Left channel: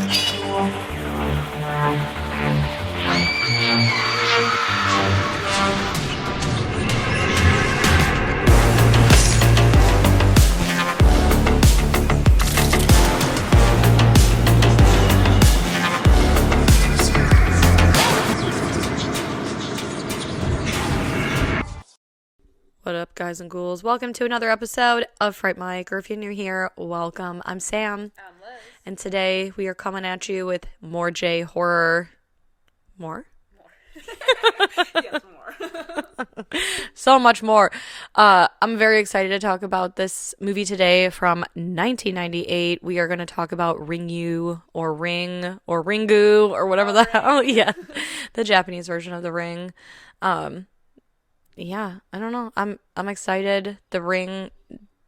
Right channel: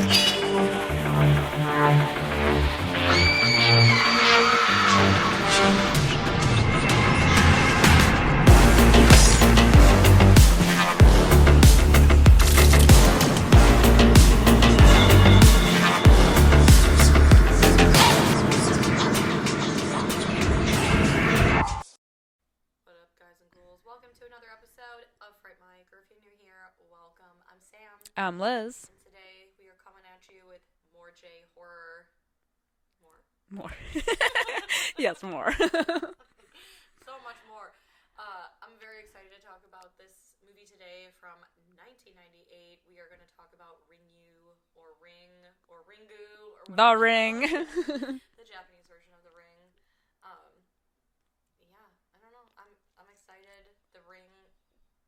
What up, guys and ghouls? Welcome to another episode of Fright Mic, or if you're new here, welcome. I'm Sam. I'm Liz. And today we are coming at you with more J horror. More? More. Yes, more. So much more. I'm very excited to talk about this movie today from 1998. We are going to talk about Ringu, or Ring, or Ringu, or whatever the hell. Yeah, the Japanese version of The Ring. Yeah, I don't know. I'm excited. The Ring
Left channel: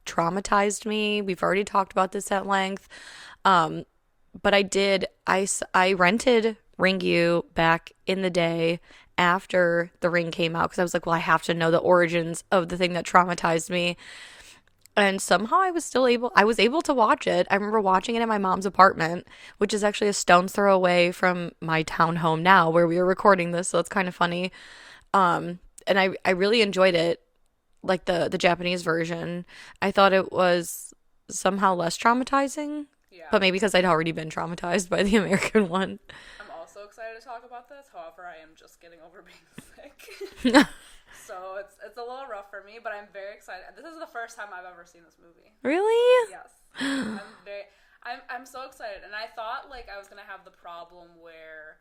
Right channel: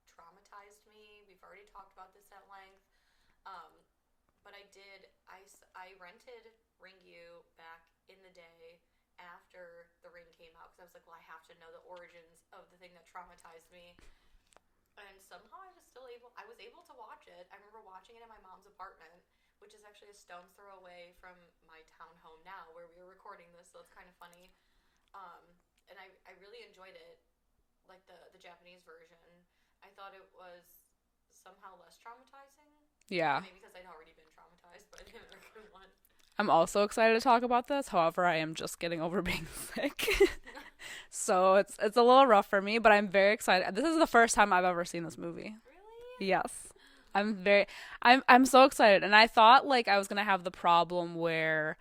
traumatized me. We've already talked about this at length. But I rented Ringu back in the day after The Ring came out because I was like, well, I have to know the origins of the thing that traumatized me. And somehow I was able to watch it. I remember watching it in my mom's apartment, which is actually a stone's throw away from my townhome now where we were recording this, so it's kind of funny. And I really enjoyed it, like the Japanese version. I thought it was somehow less traumatizing. Yeah. But maybe because I'd already been traumatized by the American one. I'm also excited to talk about this. However, I am just getting over being sick. So it's a little rough for me, but I'm very excited. This is the first time I've ever seen this movie. Really? Yes. I'm so excited. And I thought like I was going to have the problem where,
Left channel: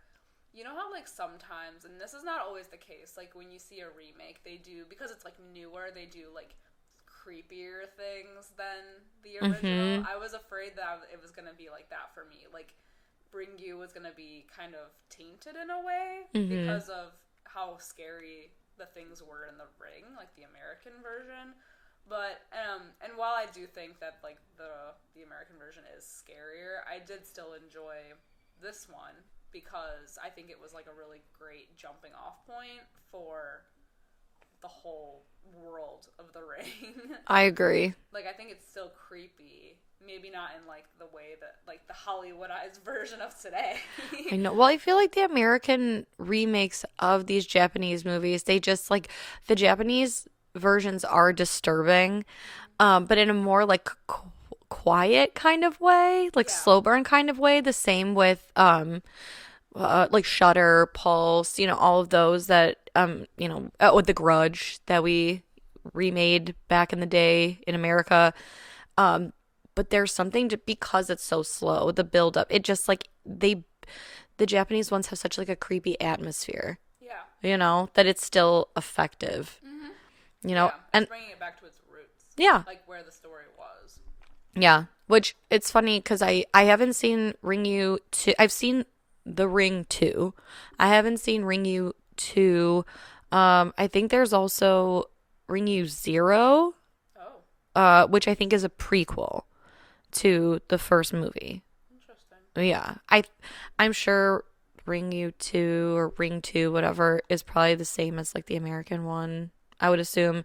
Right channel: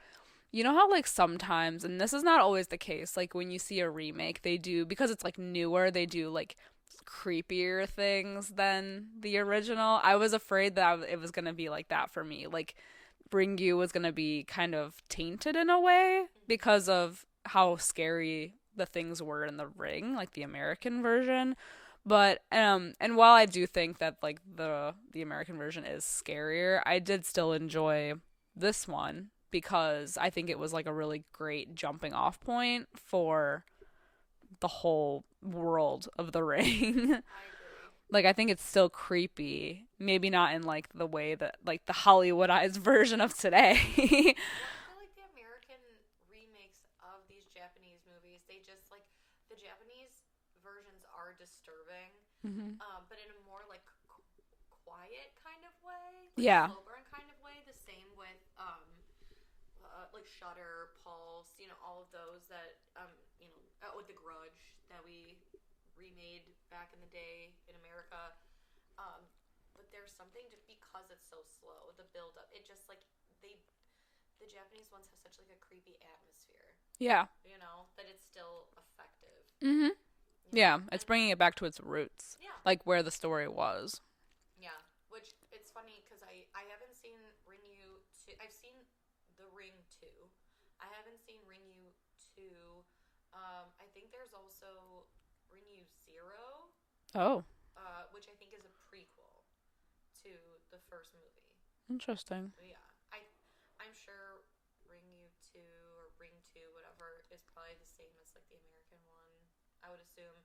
you know how like sometimes, and this is not always the case, like when you see a remake, they do, because it's like newer, they do like creepier things than the original. Mm-hmm. I was afraid that it was going to be like that for me. Like Ringu was going to be kind of tainted in a way because of how scary the things were in The Ring, like the American version. But and while I do think that like the American version is scarier, I did still enjoy this one because I think it was like a really great jumping off point for the whole world of The Ring. I agree. Like I think it's still creepy, maybe not in like the way that like the Hollywoodized version of today. I know. Well, I feel like the American remakes of these Japanese movies, they just like the Japanese versions are disturbing, but in a more like quiet kind of way, like slow burn kind of way. The same with like Shudder, Pulse, all of those that with The Grudge that we remade back in the day in America. But there's something because it's so slow, the build up. It just like the Japanese ones have such like a creepy atmosphere. Yeah. That it's still effective. Mm-hmm. It's bringing it back to its roots. Yeah. Like where the story was. Yeah. Which it's funny because I haven't seen Ringu 2. I've seen The Ring 2. I haven't seen Ringu 2. I think there's also Ringu 0. Oh. Which I think is a prequel to the first movie. Interesting. Yeah. I'm sure Ringu 2 or Ring 2, whatever, is probably the same as like the American one, I would assume.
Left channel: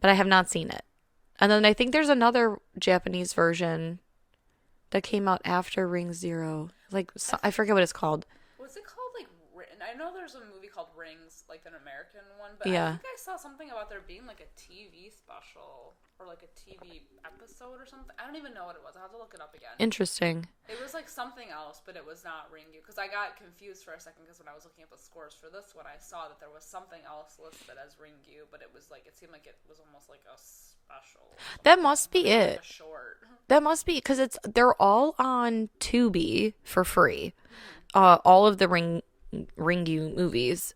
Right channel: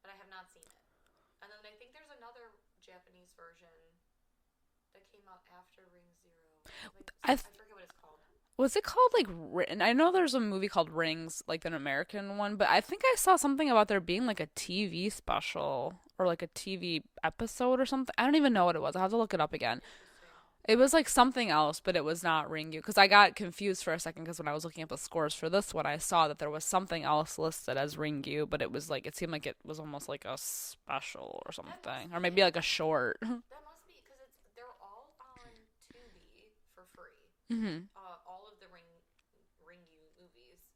But I have not seen it. And then I think there's another Japanese version that came out after Ring 0. Like, I forget what it's called. Was it called, like, I know there's a movie called Rings, like, an American one, but I think I saw something about there being, like, a TV special or, like, a TV episode or something. I don't even know what it was. I'll have to look it up again. Interesting. It was, like, something else, but it was not Ringu. Because I got confused for a second because when I was looking up the scores for this one, I saw that there was something else listed as Ringu, but it was, like, it seemed like it was almost, like, a special or something. That must be maybe it. Like, a short. That must be, because they're all on Tubi for free. Mm-hmm. All of the Ringu movies.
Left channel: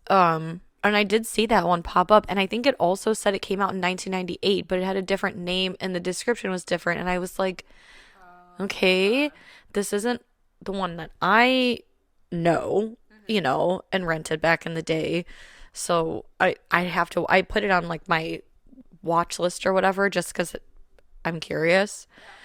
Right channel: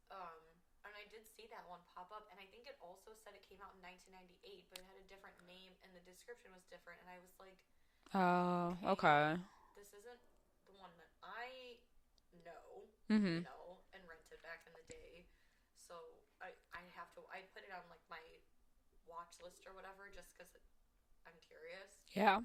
And I did see that one pop up, and I think it also said it came out in 1998, but it had a different name, and the description was different, and I was like, okay, this isn't the one that I know, and rented back in the day, so I put it on, like, my watch list or whatever, just because I'm curious. Yeah.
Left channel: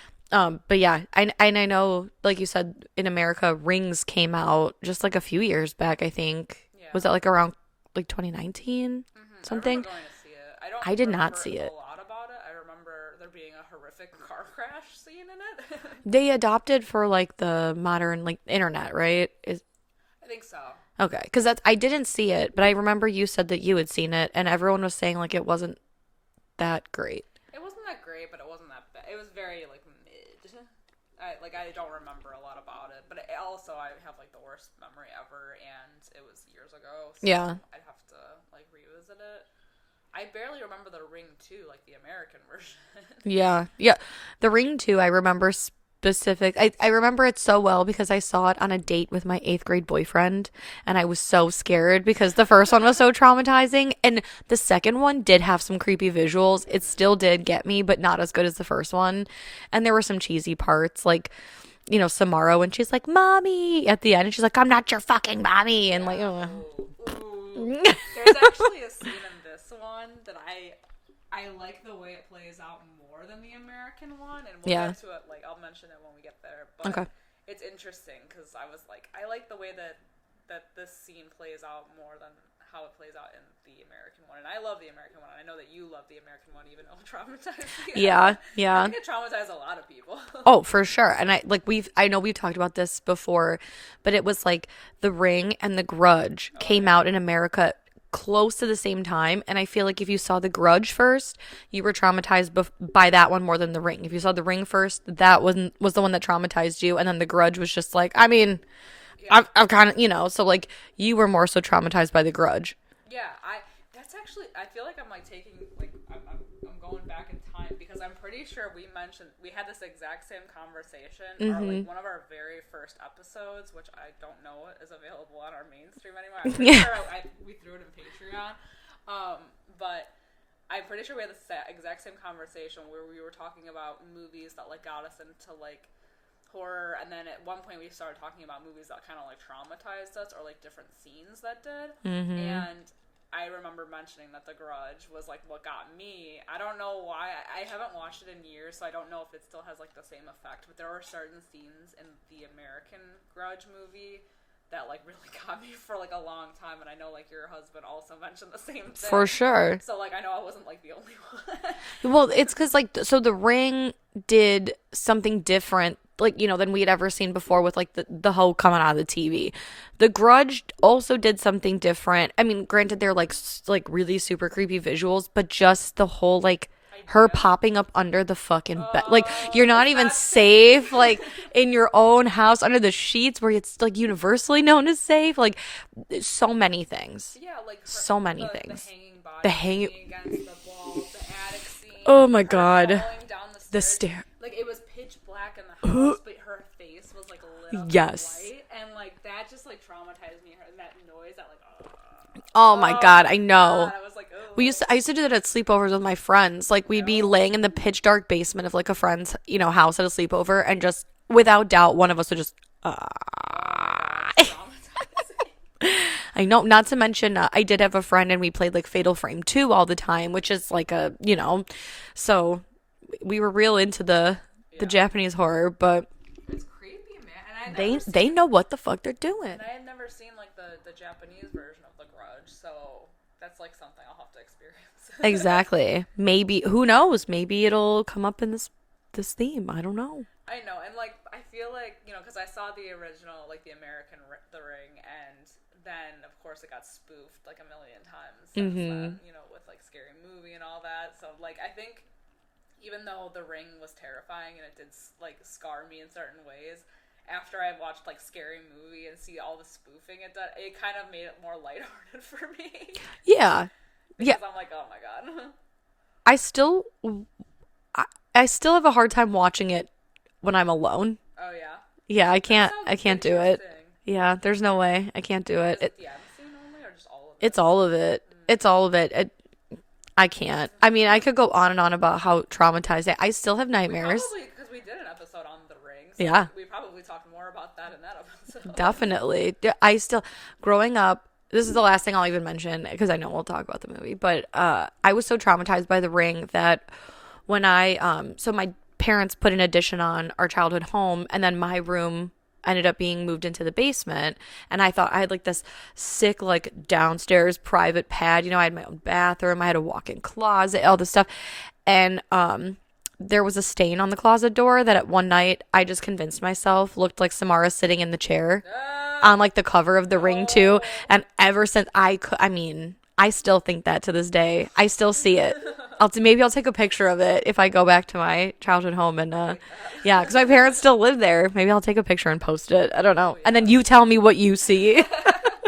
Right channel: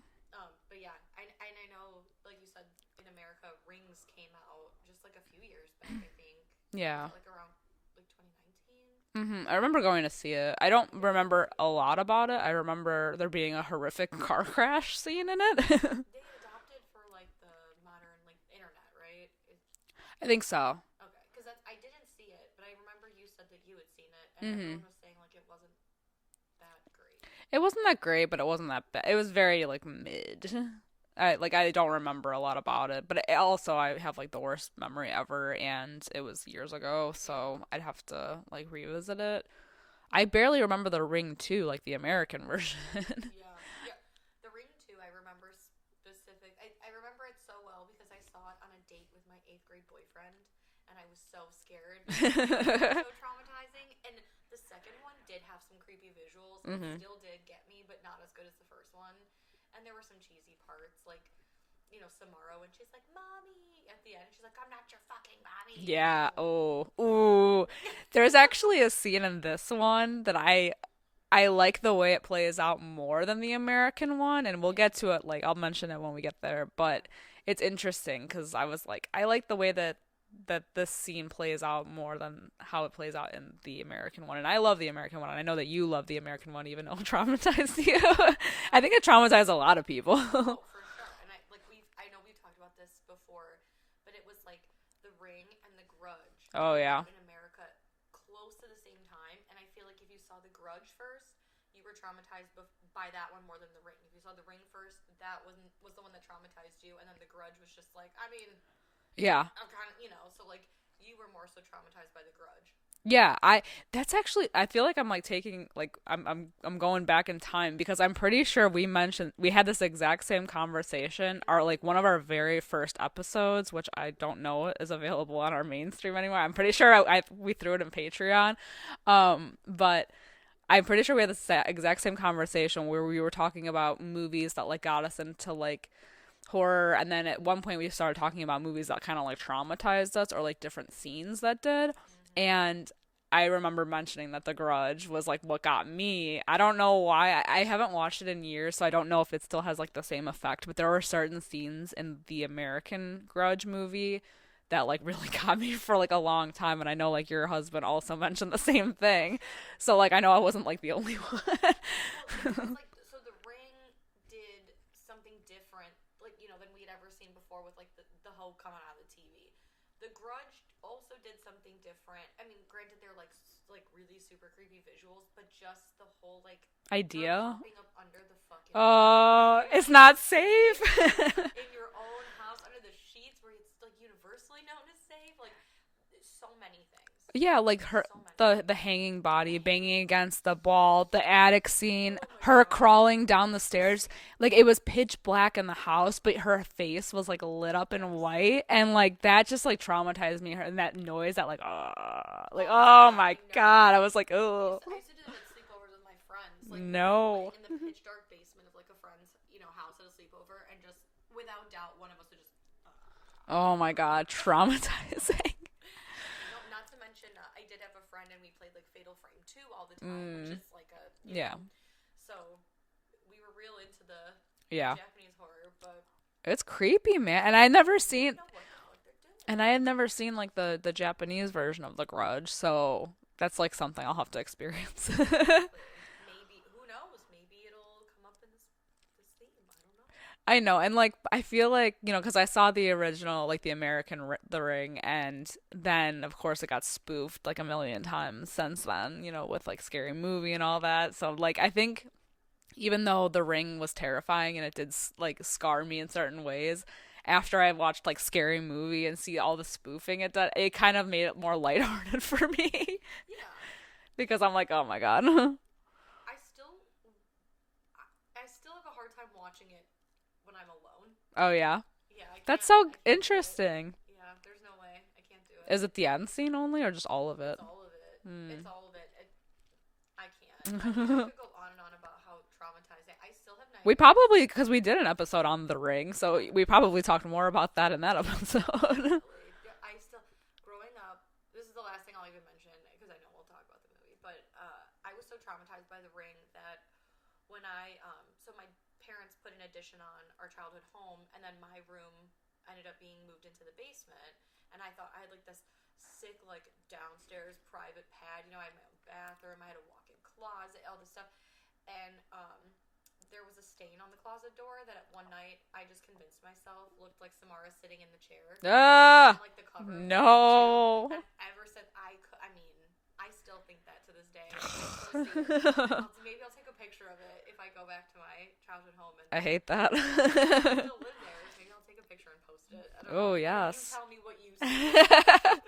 But yeah, I know, like you said, in America, Rings came out just, like, a few years back, I think. Yeah. Was that, like, around like 2019. I remember going to see it. I don't I did not remember see a it. lot about it. I remember there being a horrific car crash scene in it. They adopted for like the modern like internet, right? I think so. Okay, because I didn't see it, but I remember you said that you had seen it, and everyone was saying like it wasn't that great. It wasn't that great, but it wasn't that bad. It was very like mid. I don't remember a lot about it, but also I have like the worst memory ever, and it was years ago, so Yeah. I'd have to like revisit it. I barely remember The Ring 2, like the American version. Yeah. Yeah. The Ring 2, I remember specific. I remember it so well because I saw it on a date with my 8th grade boyfriend, and I was so scared because the first one was so traumatizing, and the second one did have some creepy visuals. It still did get me, but not as good as the first one. And there were some cheesy parts, like, you know, Samara when she's like, "Mommy," at the end, and she's like, "I'm not your fucking mommy." And Yeah. like, Oh. Ooh. There's actually a scene in this one that I like the way it plays out more than the American one, and we'll Yeah. get to it. Like, I'll mention it when we get there, but Okay. it's interesting because I was like, I like the way that this scene plays out more than how it plays out in the American one, and I love the American one, and I know that you love the American one, even though it traumatized you. Yeah, yeah. I think it traumatized a lot of people. Oh, for sure. And I know we've talked about this before, but it was like The Ring and The Grudge came yeah. out in America close to the same time, and I feel like if you saw The Grudge first, you were traumatized by that one more than The Ring. If you saw The Ring first, that was the one that traumatized you, and then The Grudge was just like, I mean, Yeah. I've kind of, you know, so like you were more so traumatized by The Grudge. Yeah, that's actually, I feel like I'm like taking like I'm going back in time because I'm pretty sure we had this exact same conversation or like one of our very first episodes, which I don't know is available on our mainstream anymore. I'm pretty sure we threw it in Patreon. But I'm pretty sure we had this exact same conversation where we were talking about movies that like got us into like horror, and then at one point we started talking about movies that kind of like traumatized us or like different scenes that did. And I remember mentioning that The Grudge was like what got me. I don't know why. I haven't watched it in years, so I don't know if it still has like the same effect, but there were certain scenes in the American Grudge movie that like really got me for like a long time, and I know like your husband also mentioned the same thing. For sure. So like I know I wasn't like the only one. Well, it's because like so The Ring did something different, like, you know, than we had ever seen before with like the whole coming out of the TV. The Grudge also did something different. I mean, granted, they're like really super creepy visuals, but just the whole like her Idea? popping up under the fucking bed, like you're not It's even not safe, like in your own house under the sheets where it's like universally known as safe. Like so many things. Yeah, like her, So many the things. hanging body The hang- banging against the wall, the attic scene. Oh my her God. crawling down the stairs. stair- Like it was pitch black in the house, but her face was like lit up in Yes. white, and like that just like traumatized me. And that noise, that like, Oh my God, I know. God, I was like, oh. I used to do that at sleepovers with my friends. Like we'd be No. laying in the pitch dark basement of like a friend's, you know, house at a sleepover, and just without doubt, one of us would just. Oh my God, traumatizing. I know. Not to mention, I did have a friend, and we played like Fatal Frame 2 all the time, which is like a, you know, so we were real into the Yeah. Japanese horror, but It's creepy, man. And I had never seen. they know what the fuck they're doing. And I had never seen like the Japanese version of The Grudge, so that's like something I'll have to experience. Exactly. Maybe, who knows? Maybe it'll come up in this theme. I don't know. I know, and like I feel like, you know, because I saw the original, like the American The Ring, and then of course it got spoofed like a million times since then, you know, with like Scary Movie and all that. So like I think even though The Ring was terrifying and it did like scar me in certain ways, after I watched like Scary Movie and see all the spoofing it did, it kind of made it more lighthearted for me. Yeah. Because I'm like, oh my God. I still have a hard time watching it when I'm alone. Oh yeah. Yeah, I can't. That's so I can't do it. interesting. Yeah, there's no way. I can't do it. Is it the end scene only, or just all of it? It's all of it. It's all of it. I can't. I mean, I could go on and on about how traumatized I still have nightmares. We probably, because we did an episode on The Ring, so Yeah. we probably talked more about that in that episode. Definitely. I still, growing up, this is the last thing I'll even mention because I know we'll talk about the movie, but I was so traumatized by The Ring that when so my parents put an addition on our childhood home, and then my room ended up being moved into the basement, and I thought I had like this sick like downstairs private pad. I had my own bathroom, I had a walk-in closet, all this stuff, and there was a stain on the closet door that at one night I just convinced myself looked like Samara sitting in the chair on like the cover of the Ring 2. And ever since I still think that to this day. I still see it. Maybe I'll take a picture of it if I go back to my childhood home. And I hate that. Yeah, because my parents still live there. Maybe I'll take a picture and post it. I don't know. Oh, yes. And then you tell me what you see. That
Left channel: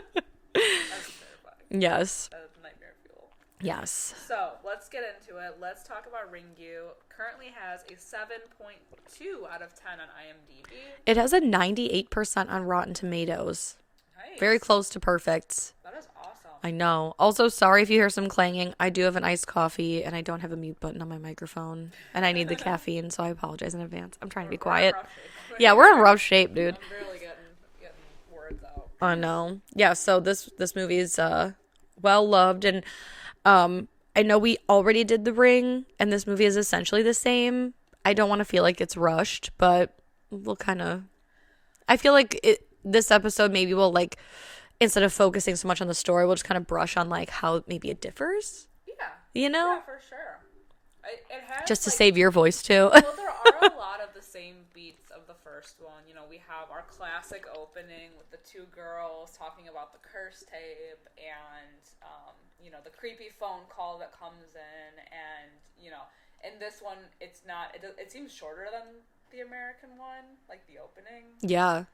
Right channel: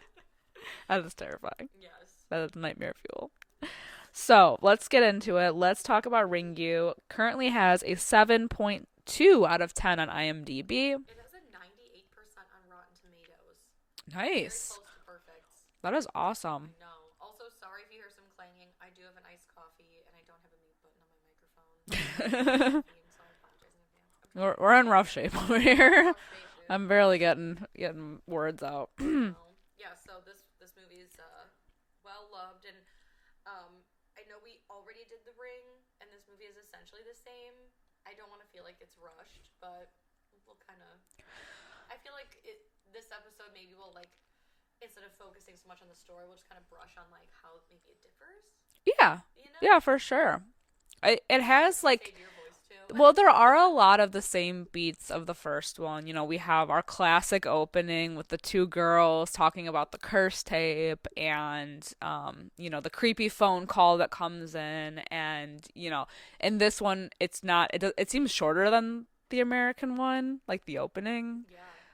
was terrifying. Yes. That is nightmare fuel. Yes. So let's get into it. Let's talk about Ringu. Currently has a 7.2 out of 10 on IMDb. It has a 98% on Rotten Tomatoes. Nice. Very close to perfect. That is awesome. I know. Also, sorry if you hear some clanging. I do have an iced coffee, and I don't have a mute button on my microphone, and I need the caffeine, so I apologize in advance. I'm trying to be quiet. We're in rough shape. Yeah, we're in rough shape, dude. I'm barely getting words out. I know. Yeah. So this movie is well loved, and I know we already did The Ring, and this movie is essentially the same. I don't want to feel like it's rushed, but we'll kind of. I feel like this episode maybe will like, instead of focusing so much on the story, we'll just kind of brush on like how maybe it differs. Yeah. Yeah, for sure. It has just to like, save your voice too. Well, there are a lot of the same beats of the first one. We have our classic opening with the two girls talking about the curse tape, and the creepy phone call that comes in, and in this one it seems shorter than the American one, like the opening. Yeah.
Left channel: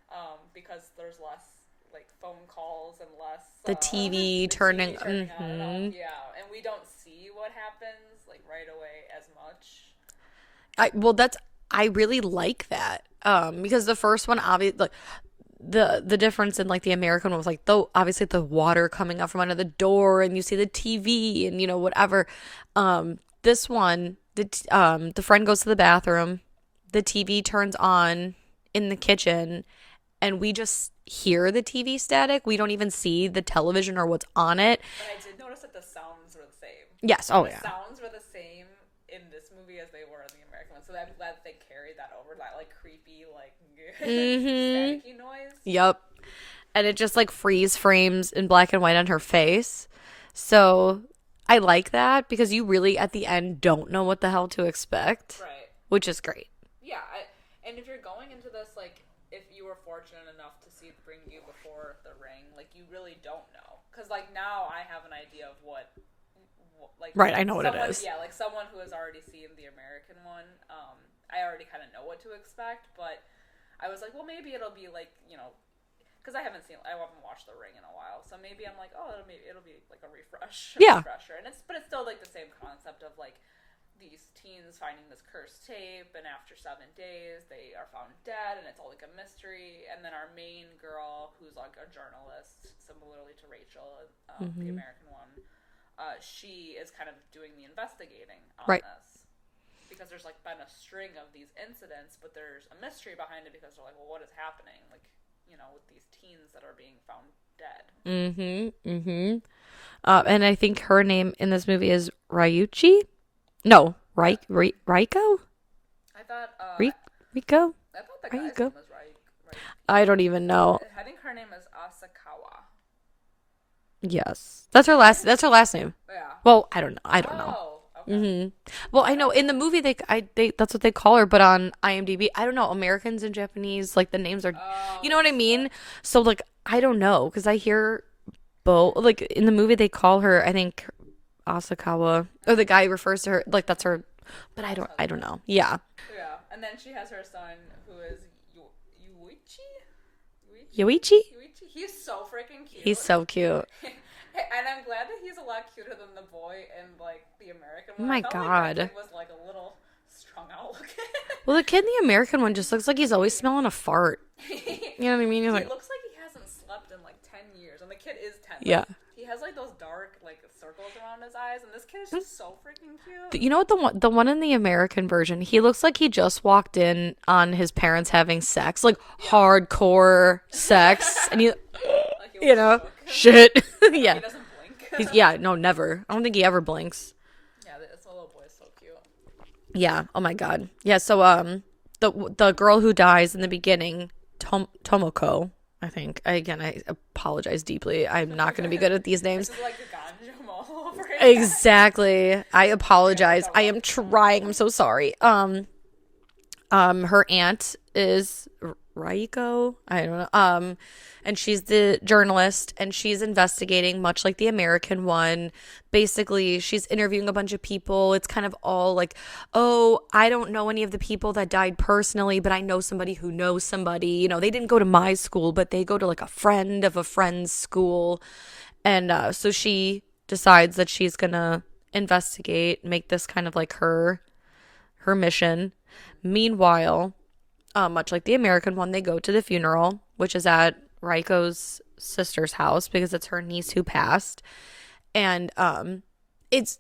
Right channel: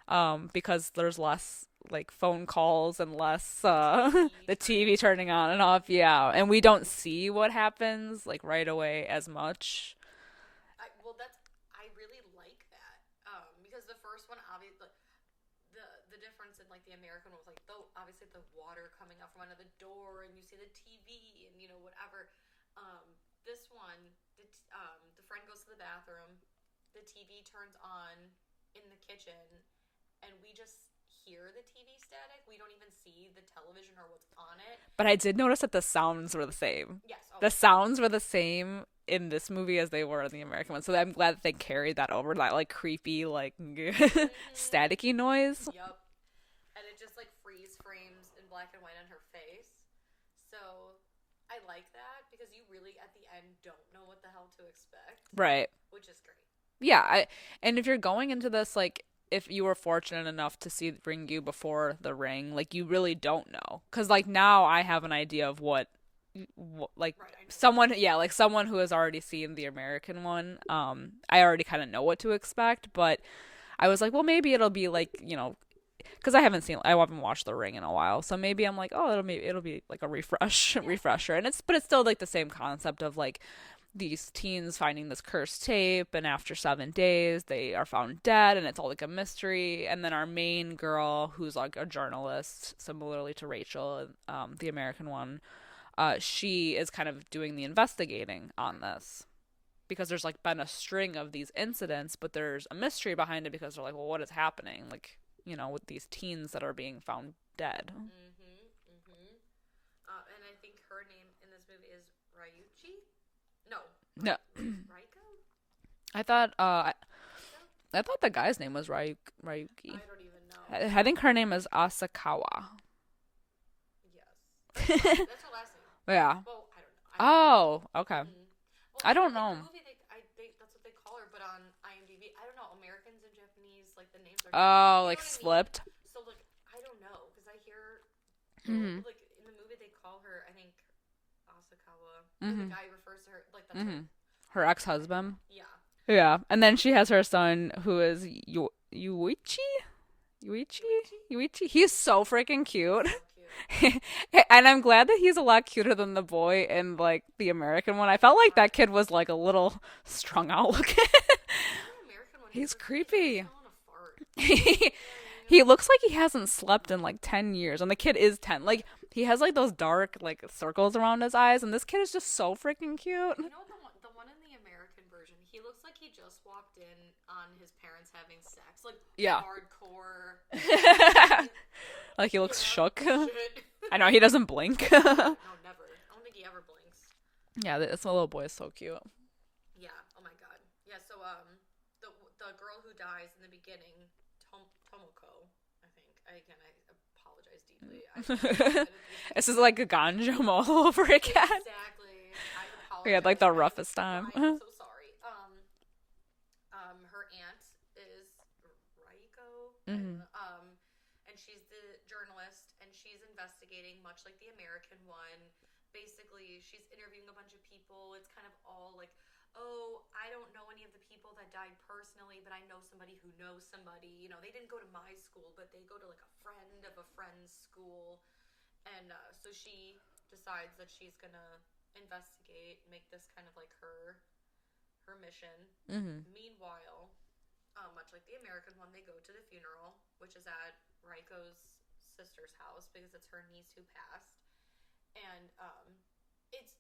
Because there's less like phone calls and less the TV turning on and off. Yeah, and we don't see what happens like right away as much. I really like that. Because the first one, obviously, like the difference in like the American one was like obviously the water coming out from under the door, and you see the TV and whatever. This one, the friend goes to the bathroom, the TV turns on in the kitchen, and we just hear the TV static. We don't even see the television or what's on it. But I did notice that the sounds were the same. Yes. The sounds were the same in this movie as they were in the American one. So I'm glad that they carried that over, that like creepy, like staticky noise. Yep. And it just like freeze frames in black and white on her face. So I like that because you really at the end don't know what the hell to expect. Right. Which is great. Yeah. And if you're going into this, like, if you were fortunate enough to see Ringu before The Ring, like, you really don't know. Because, like, now I have an idea of what like, right, I know someone, what it is. Yeah, like someone who has already seen the American one. I already kind of know what to expect, but I was like, well, maybe it'll be like, because I haven't watched The Ring in a while, so maybe I'm like, oh, it'll be like a refresher, and it's still like the same concept of like these teens finding this cursed tape, and after 7 days they are found dead, and it's all like a mystery. And then our main girl, who's like a journalist, similarly to Rachel, the American one, she is kind of doing the investigating on this, because there's like been a string of these incidents, but there's a mystery behind it, because they're like, well, what is happening, like, with these teens that are being found dead. And I think her name in this movie is Ryuchi. No, Raiko? I thought Riko? I thought the guy's name was Ryuki. I don't even know. I think her name is Asakawa. Yes. That's her last name. Yeah. Well, I don't know. Oh, okay. Well, I know in the movie they that's what they call her, but on IMDb, I don't know, Americans and Japanese, like the names are you know what I mean? Flipped. So like I don't know, cuz I hear both like in the movie they call her, I think, Asakawa, or the guy refers to her like that's her ex-husband. I don't know. Yeah. Yeah. And then she has her son, who is Yuichi. He's so freaking cute. He's so cute. And I'm glad that he's a lot cuter than the boy in like the American one. I felt like that kid was like a little strung out looking. Well, the kid in the American one just looks like he's always smelling a fart. You know what I mean? He looks like he hasn't slept in like 10 years, and the kid is 10. Like, he has like those dark like circles around his eyes, and this kid is just so freaking cute. You know what, the one in the American version, he looks like he just walked in on his parents having sex, like hardcore sex. And he, like he looks shook. Shit. I know, he doesn't blink. Yeah, no, never. I don't think he ever blinks. Yeah, this little boy is so cute. Yeah. Oh my god. Yeah. So the girl who dies in the beginning Tomoko, I think. I apologize deeply. I'm not going to be good at these names. This is like a ganjum all over it. Exactly. I apologize. Like I am trying. I'm so sorry. Her aunt is Raiko. I don't know. And she's the journalist, and she's investigating, much like the American one. Basically, she's interviewing a bunch of people. It's kind of all like, oh, I don't know any of the people that died personally, but I know somebody who knows somebody. You know, they didn't go to my school, but they go to like a friend of a friend's school. And so she decides that she's going to investigate, make this kind of like her mission. Meanwhile, much like the American one, they go to the funeral, which is at Raiko's sister's house because it's her niece who passed. And this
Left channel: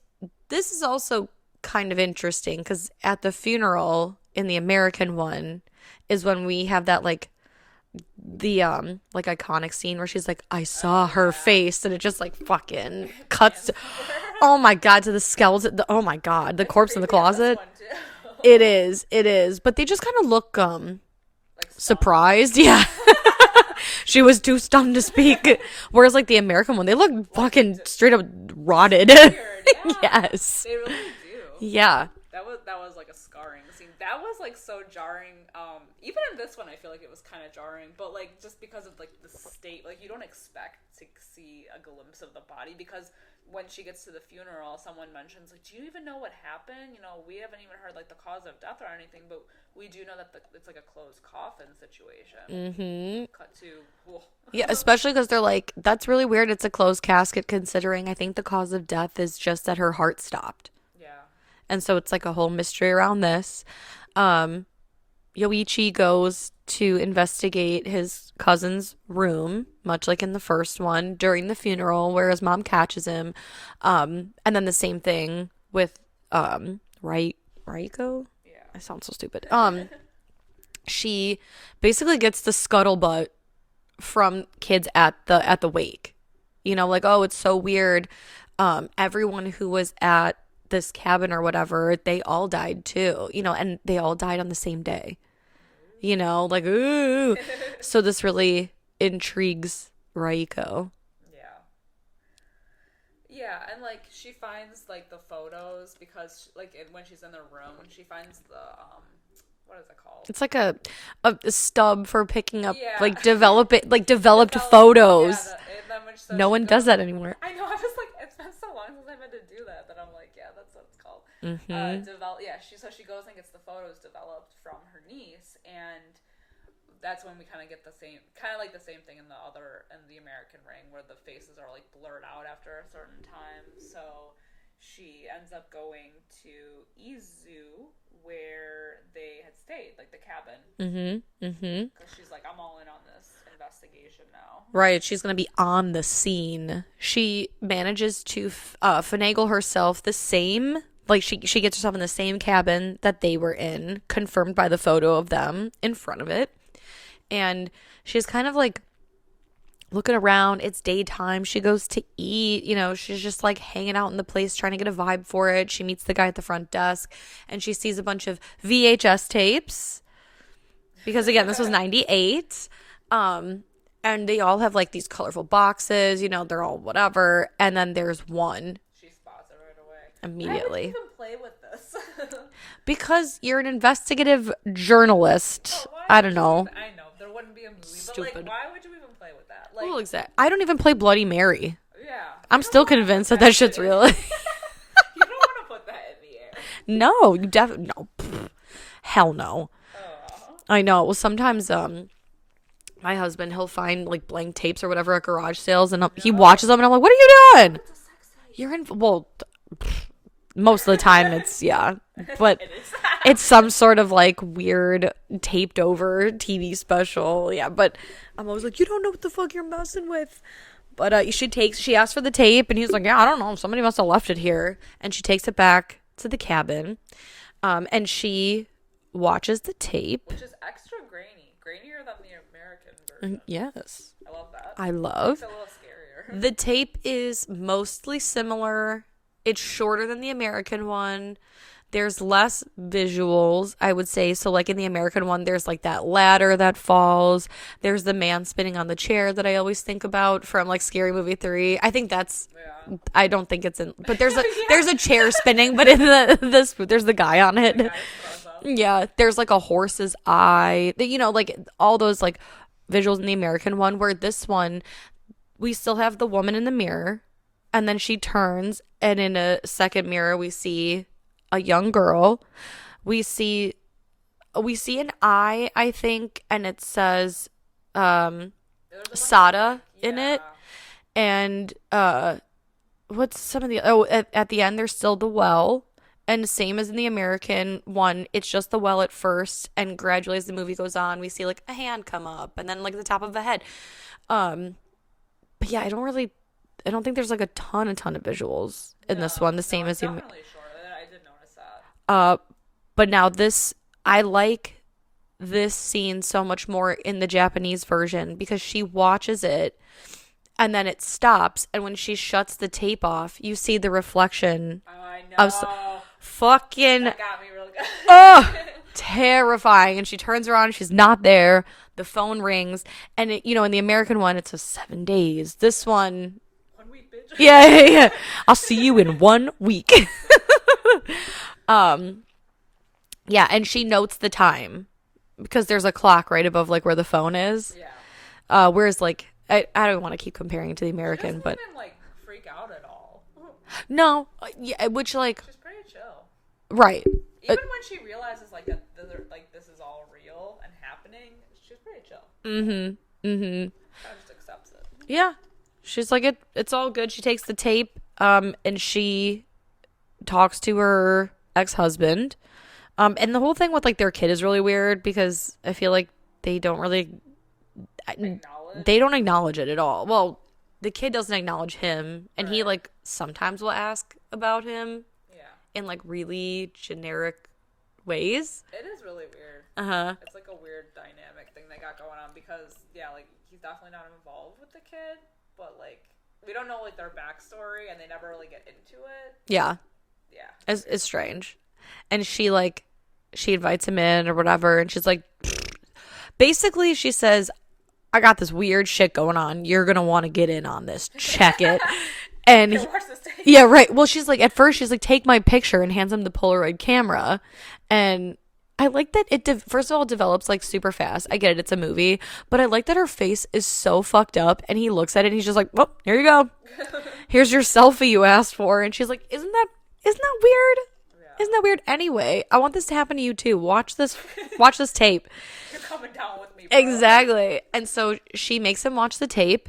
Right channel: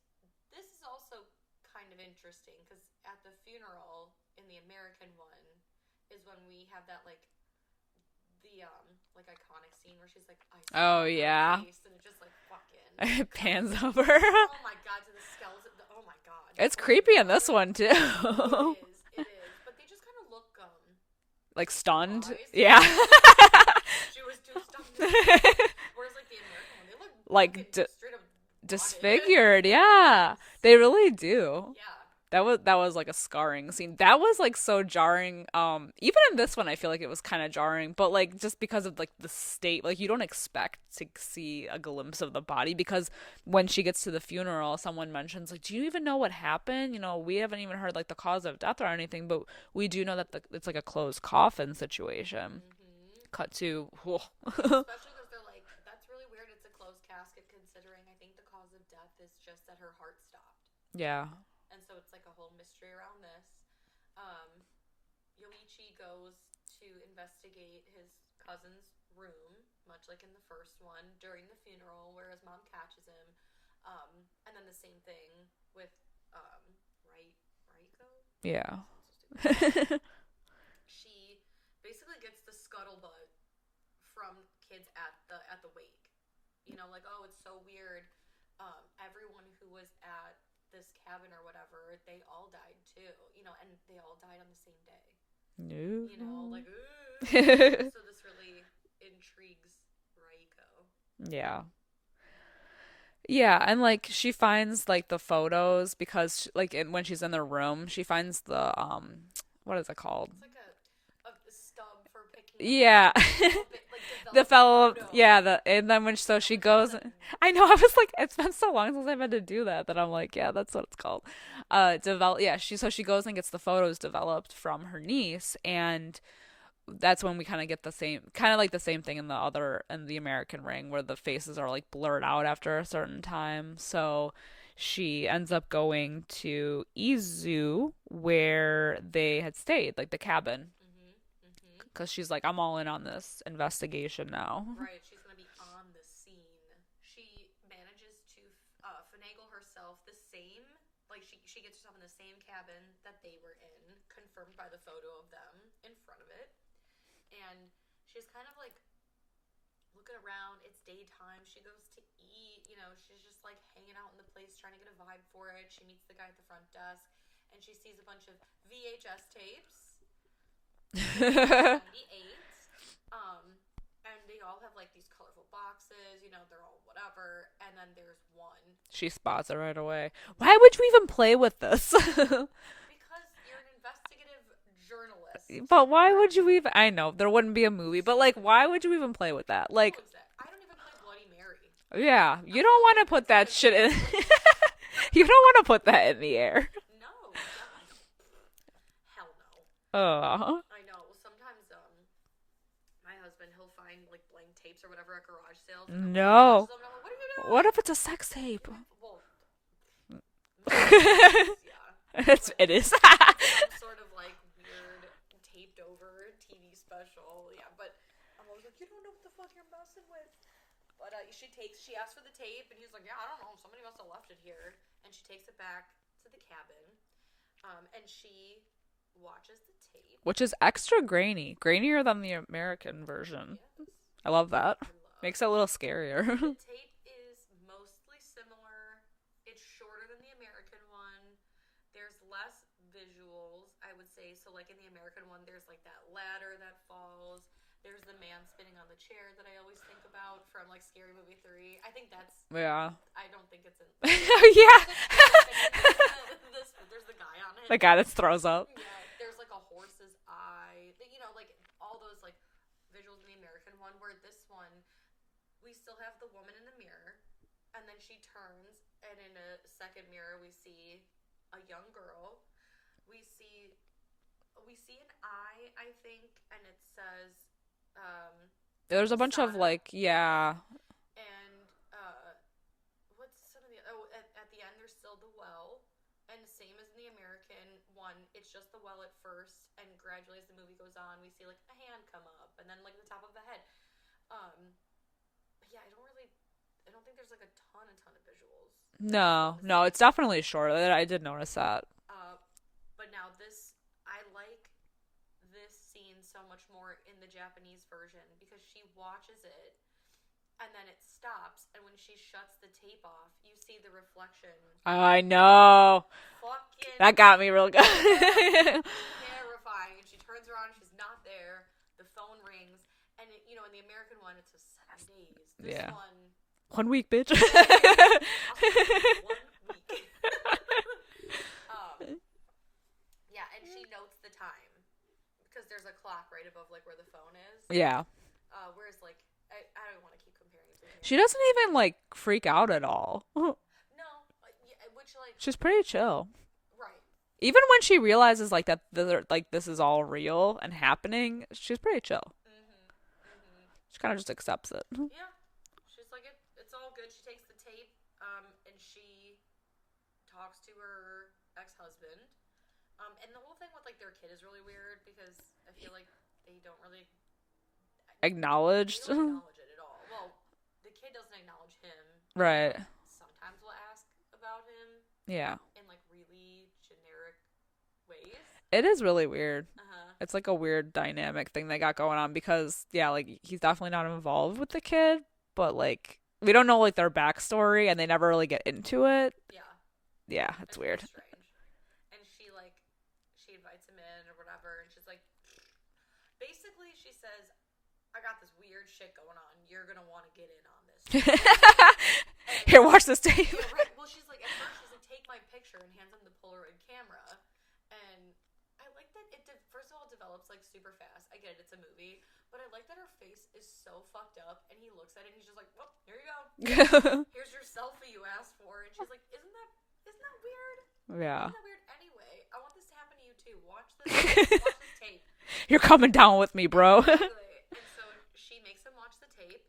is also kind of interesting because at the funeral in the American one is when we have that like the like iconic scene where she's like, I saw her face, and it just like fucking cuts over. Oh my god, to the skeleton. Oh my god, the corpse in the closet. This one too. It is, but they just kind of look like stunned. Surprised. Yeah. She was too stunned to speak. Whereas like the American one, they look like fucking straight up rotted. Disfigured, yeah. Yes. They really do. Yeah. That was like a scarring scene. That was like so jarring. Even in this one, I feel like it was kind of jarring, but like just because of like the state, like you don't expect to see a glimpse of the body because when she gets to the funeral, someone mentions like, "Do you even know what happened? You know, we haven't even heard like the cause of death or anything, but we do know that it's like a closed coffin situation." Mm-hmm. Cut to yeah, especially because they're like, that's really weird. It's a closed casket considering I think the cause of death is just that her heart stopped. Yeah. And so it's like a whole mystery around this. Yoichi goes to investigate his cousin's room, much like in the first one, during the funeral, where his mom catches him. And then the same thing with Raiko? Yeah. I sound so stupid. She basically gets the scuttlebutt from kids at the wake. You know, like, oh, it's so weird. Everyone who was at this cabin or whatever, they all died too, you know, and they all died on the same day. You know, like, ooh. So this really intrigues Raiko. Yeah. Yeah, and like she finds like the photos because like when she's in the room, she finds the what is it called? It's like a stub for picking up, yeah, like developed photos. Yeah, and then when no one does that anymore. I know. I was like, it's been so long since I've had to do that I'm like, yeah, that's what it's called. Mm-hmm. Yeah, she goes and gets the photos developed from her niece, and that's when we kind of get the same thing in the American Ring where the faces are like blurred out after a certain time. So she ends up going to Izu where they had stayed, like the cabin. Because she's like, I'm all in on this investigation now. Right. She's going to be on the scene. She manages to finagle herself the same, like she gets herself in the same cabin that they were in, confirmed by the photo of them in front of it. And she's kind of like looking around. It's daytime. She goes to eat. You know, she's just like hanging out in the place, trying to get a vibe for it. She meets the guy at the front desk and she sees a bunch of VHS tapes because, again, this was 98. And they all have like these colorful boxes, you know, they're all whatever. And then there's one. She spots it right away. Why would you even play with this? Because you're an investigative journalist. But why I would don't know. I know there wouldn't be a movie, but like, why would you even play with that? Like, I don't even play Bloody Mary. Yeah. I'm still convinced that shit's real. You don't want to put that in the air. No, you definitely, no. Hell no. I know. Well, sometimes, my husband, he'll find like blank tapes or whatever at garage sales, and he watches them, and I'm like, "What are you doing?" What if it's a sex tape? You're in. Well, most of the time it's but it is. It's some sort of like weird taped over TV special. Yeah, but I'm always like, "You don't know what the fuck you're messing with." But she asks for the tape, and he's like, "Yeah, I don't know. Somebody must have left it here." And she takes it back to the cabin, and she watches the tape, which is extra grainier than the American version. Yes, I love that. Makes it a little scarier. The tape is mostly similar. It's shorter than the American one. there's less visuals, I would say. So like in the American one, there's like that ladder that falls. There's the man spinning on the chair that I always think about from like Scary Movie 3. I think that's I don't think it's in, but there's a there's a chair spinning, but in this there's the guy on it. The guy that throws up. Yeah, there's like a horse's eye. You know, like all those like visuals in the American one, where this one we still have the woman in the mirror, and then she turns, and in a second mirror we see a young girl. We see an eye, I think, and it says there's a bunch Sada of like, in it. And what's some of the at the end there's still the well, and same as in the American one, it's just the well at first, and gradually as the movie goes on we see like a hand come up and then like the top of the head. But yeah, I don't think there's like a ton of visuals in this one. The same it's as definitely short. I did notice that. But now I like this scene so much more in the Japanese version, because she watches it and then it stops, and when she shuts the tape off, you see the reflection. I know. Fucking that got me real good. Oh, terrifying. And she turns around, she's not there. The phone rings, and it, you know, in the American one it's a 7 days. This one 1 week, bitch. Yeah. I'll see you in 1 week. Yeah, and she notes the time because there's a clock right above like where the phone is. Yeah. Whereas like I don't want to keep comparing it to the American. She doesn't even like freak out at all. No, yeah, which like she's pretty chill. Right. Even when she realizes like that this is all real and happening, she's pretty chill. Mm-hmm. Mm-hmm. She kind of just accepts it. Yeah. She's like, it's all good. She takes the tape, and she talks to her ex-husband. And the whole thing with like their kid is really weird, because I feel like they don't really acknowledge. They don't acknowledge it at all. Well, the kid doesn't acknowledge him, and right. He like sometimes will ask about him. Yeah. In like really generic ways. It is really weird. Uh-huh. It's like a weird dynamic thing they got going on, because yeah, like he's definitely not involved with the kid, but like we don't know like their backstory, and they never really get into it. Yeah. Yeah. It's strange. And she invites him in or whatever, and she's like, basically she says, I got this weird shit going on. You're going to want to get in on this. Check it. And here, watch this tape. Yeah, right. Well, she's like, at first she's like, take my picture, and hands him the Polaroid camera. And I like that first of all, it develops like super fast. I get it. It's a movie, but I like that her face is so fucked up, and he looks at it and he's just like, well, here you go. Here's your selfie you asked for. And she's like, isn't that weird? Yeah. Isn't that weird? Anyway, I want this to happen to you too. Watch this tape. You're coming down with me, bro. Exactly. And so she makes him watch the tape.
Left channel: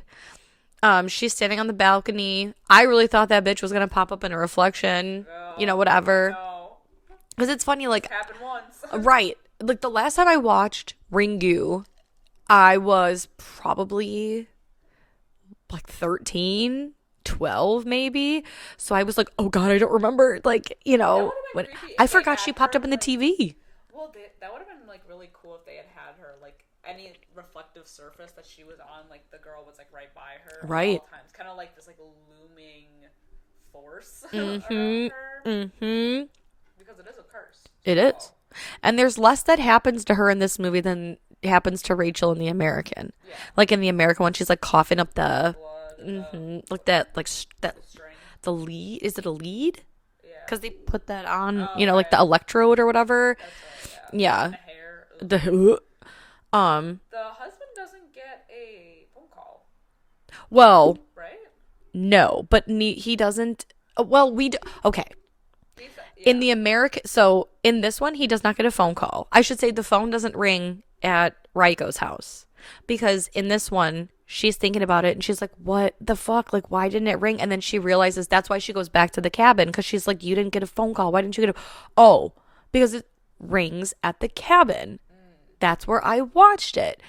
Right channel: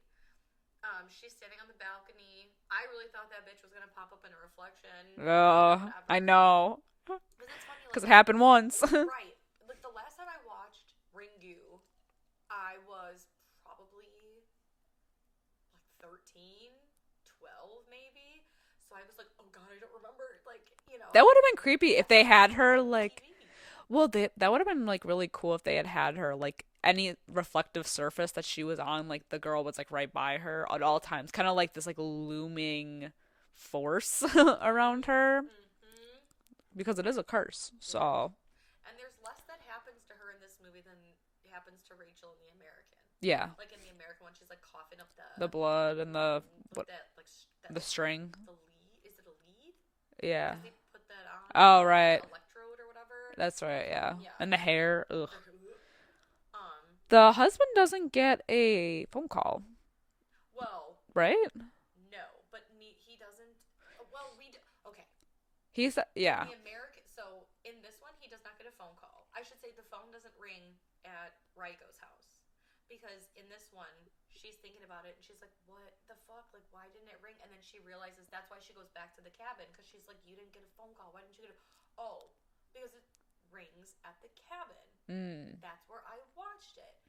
She's standing on the balcony. I really thought that bitch was gonna pop up in a reflection. Whatever. I know. Because it's funny, like, it happened once. Right. Like the last time I watched Ringu, I was probably like 13. 12 maybe, so I was like, oh god, I don't remember, like, that would have been creepy if I they forgot had she popped her, up in the like, TV. Well, that would have been like really cool if they had her like any reflective surface that she was on, like the girl was like right by her at all times, kind of like this like looming force around her, because it is a curse. It is. And there's less that happens to her in this movie than happens to Rachel in the American. Yeah. Like in the American one, she's like coughing up the blood and the string. The lead. Is it a lead? Yeah. Because they put that on, right. like the electrode or whatever. That's right. Yeah. Yeah. And the hair. Ugh. The husband doesn't get a phone call. Well. Right. No, but he doesn't. Well, we do. Okay. He's in the American. So in this one, he does not get a phone call. I should say the phone doesn't ring at Raiko's house, because in this one she's thinking about it and she's like, what the fuck, like, why didn't it ring? And then she realizes that's why she goes back to the cabin, because she's like, you didn't get a phone call, why didn't you get because it rings at the cabin. That's where I watched it.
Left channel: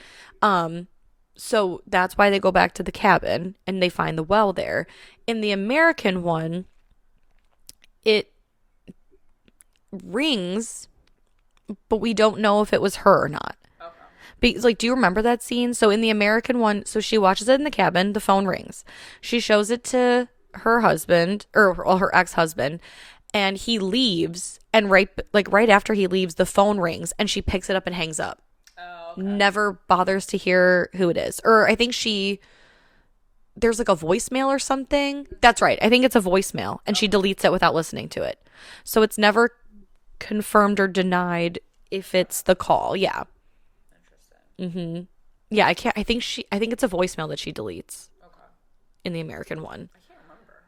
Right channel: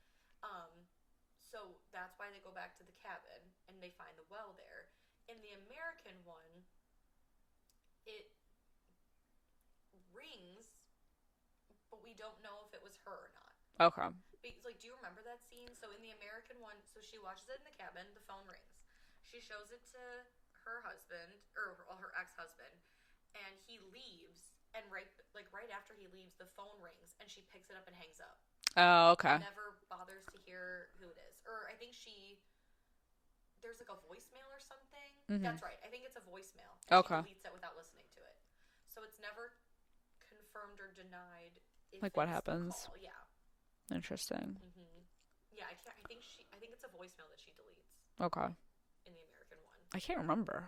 So that's why they go back to the cabin and they find the well there. In the American one, it rings, but we don't know if it was her or not. Okay. Because, like, do you remember that scene? So in the American one, so she watches it in the cabin, the phone rings. She shows it to her husband, or her ex-husband, and he leaves, and right after he leaves, the phone rings, and she picks it up and hangs up. Oh, okay. Never bothers to hear who it is. Or I think there's like a voicemail or something. That's right. I think it's a voicemail, and she deletes it without listening to it. So it's never confirmed or denied if it's the call. Yeah. Interesting. Mm-hmm. Yeah, I think it's a voicemail that she deletes. Okay. In the American one. I can't remember.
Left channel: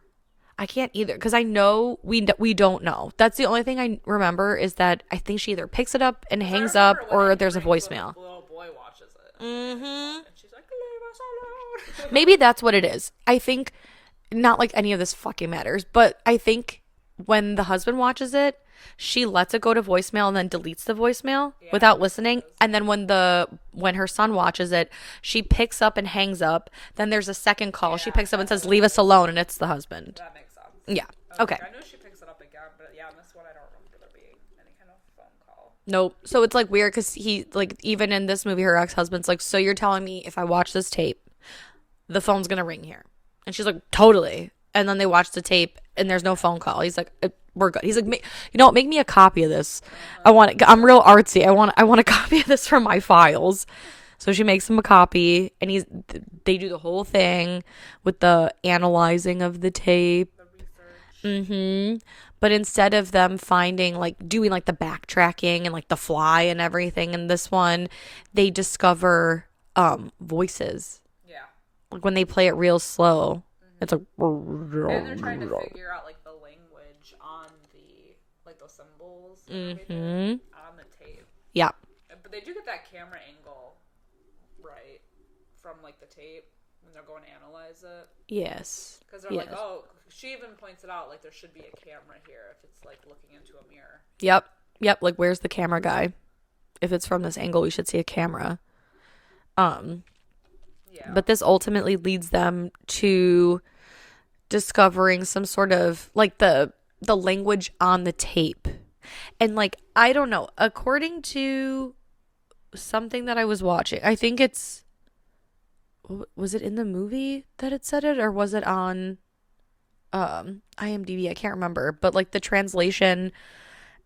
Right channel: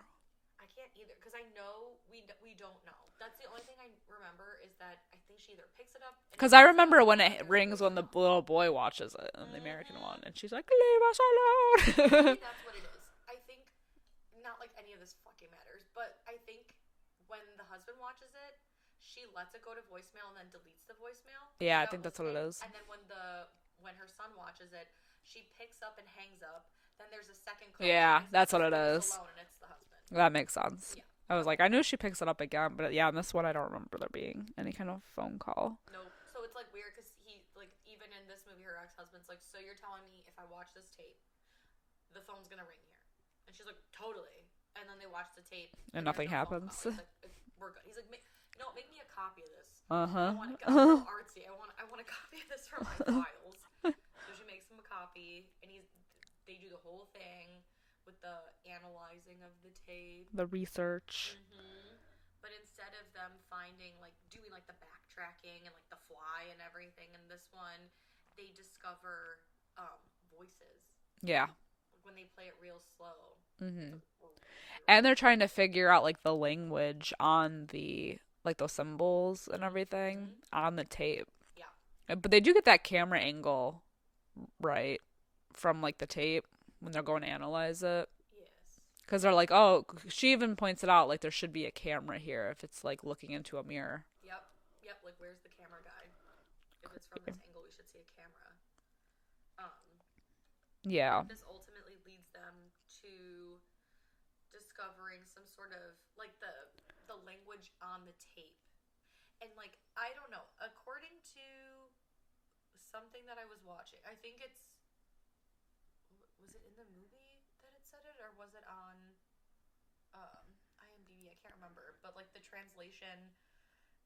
I can't either, because I know we don't know. That's the only thing I remember, is that I think she either picks it up and hangs up, or there's a voicemail. The little boy watches it, in the American one, and she's like, "Leave us alone." Maybe that's what it is. I think, not like any of this fucking matters, but I think when the husband watches it, she lets it go to voicemail and then deletes the voicemail without listening. And then when her son watches it, she picks up and hangs up. Then there's a second call. She picks up and says, "Leave us alone," and it's the husband. That makes sense. Yeah. Okay. I knew she picks it up again, but in this one, I don't remember there being any kind of phone call. Nope. So it's like weird, because he, like, even in this movie, her ex-husband's like, "So you're telling me if I watch this tape, the phone's gonna ring here?" And she's like, "Totally." And then they watch the tape, and there's no phone call. He's like, "We're good." He's like, make me a copy of this. I'm real artsy. I want a copy of this for my files." So she makes him a copy, and they do the whole thing with the analyzing of the tape, the research. Mm-hmm. But instead of them doing like the backtracking and like the fly and everything in this one, they discover voices. Yeah. Like when they play it real slow. It's like, and they're trying to figure out like the language on the like those symbols and everything on the tape. Yeah. But they do get that camera angle right from like the tape when they're going to analyze it. Yes. Because they're like, oh, she even points it out, like there should be a camera here if it's like looking into a mirror. Yep. Like, where's the camera guy? If it's from this angle, we should see a camera. Yeah. But this ultimately leads them to discovering some sort of like the language on the tape. And like, I don't know, according to something that I was watching, I think was it in the movie that it said it, or was it on IMDb? I can't remember, but like the translation,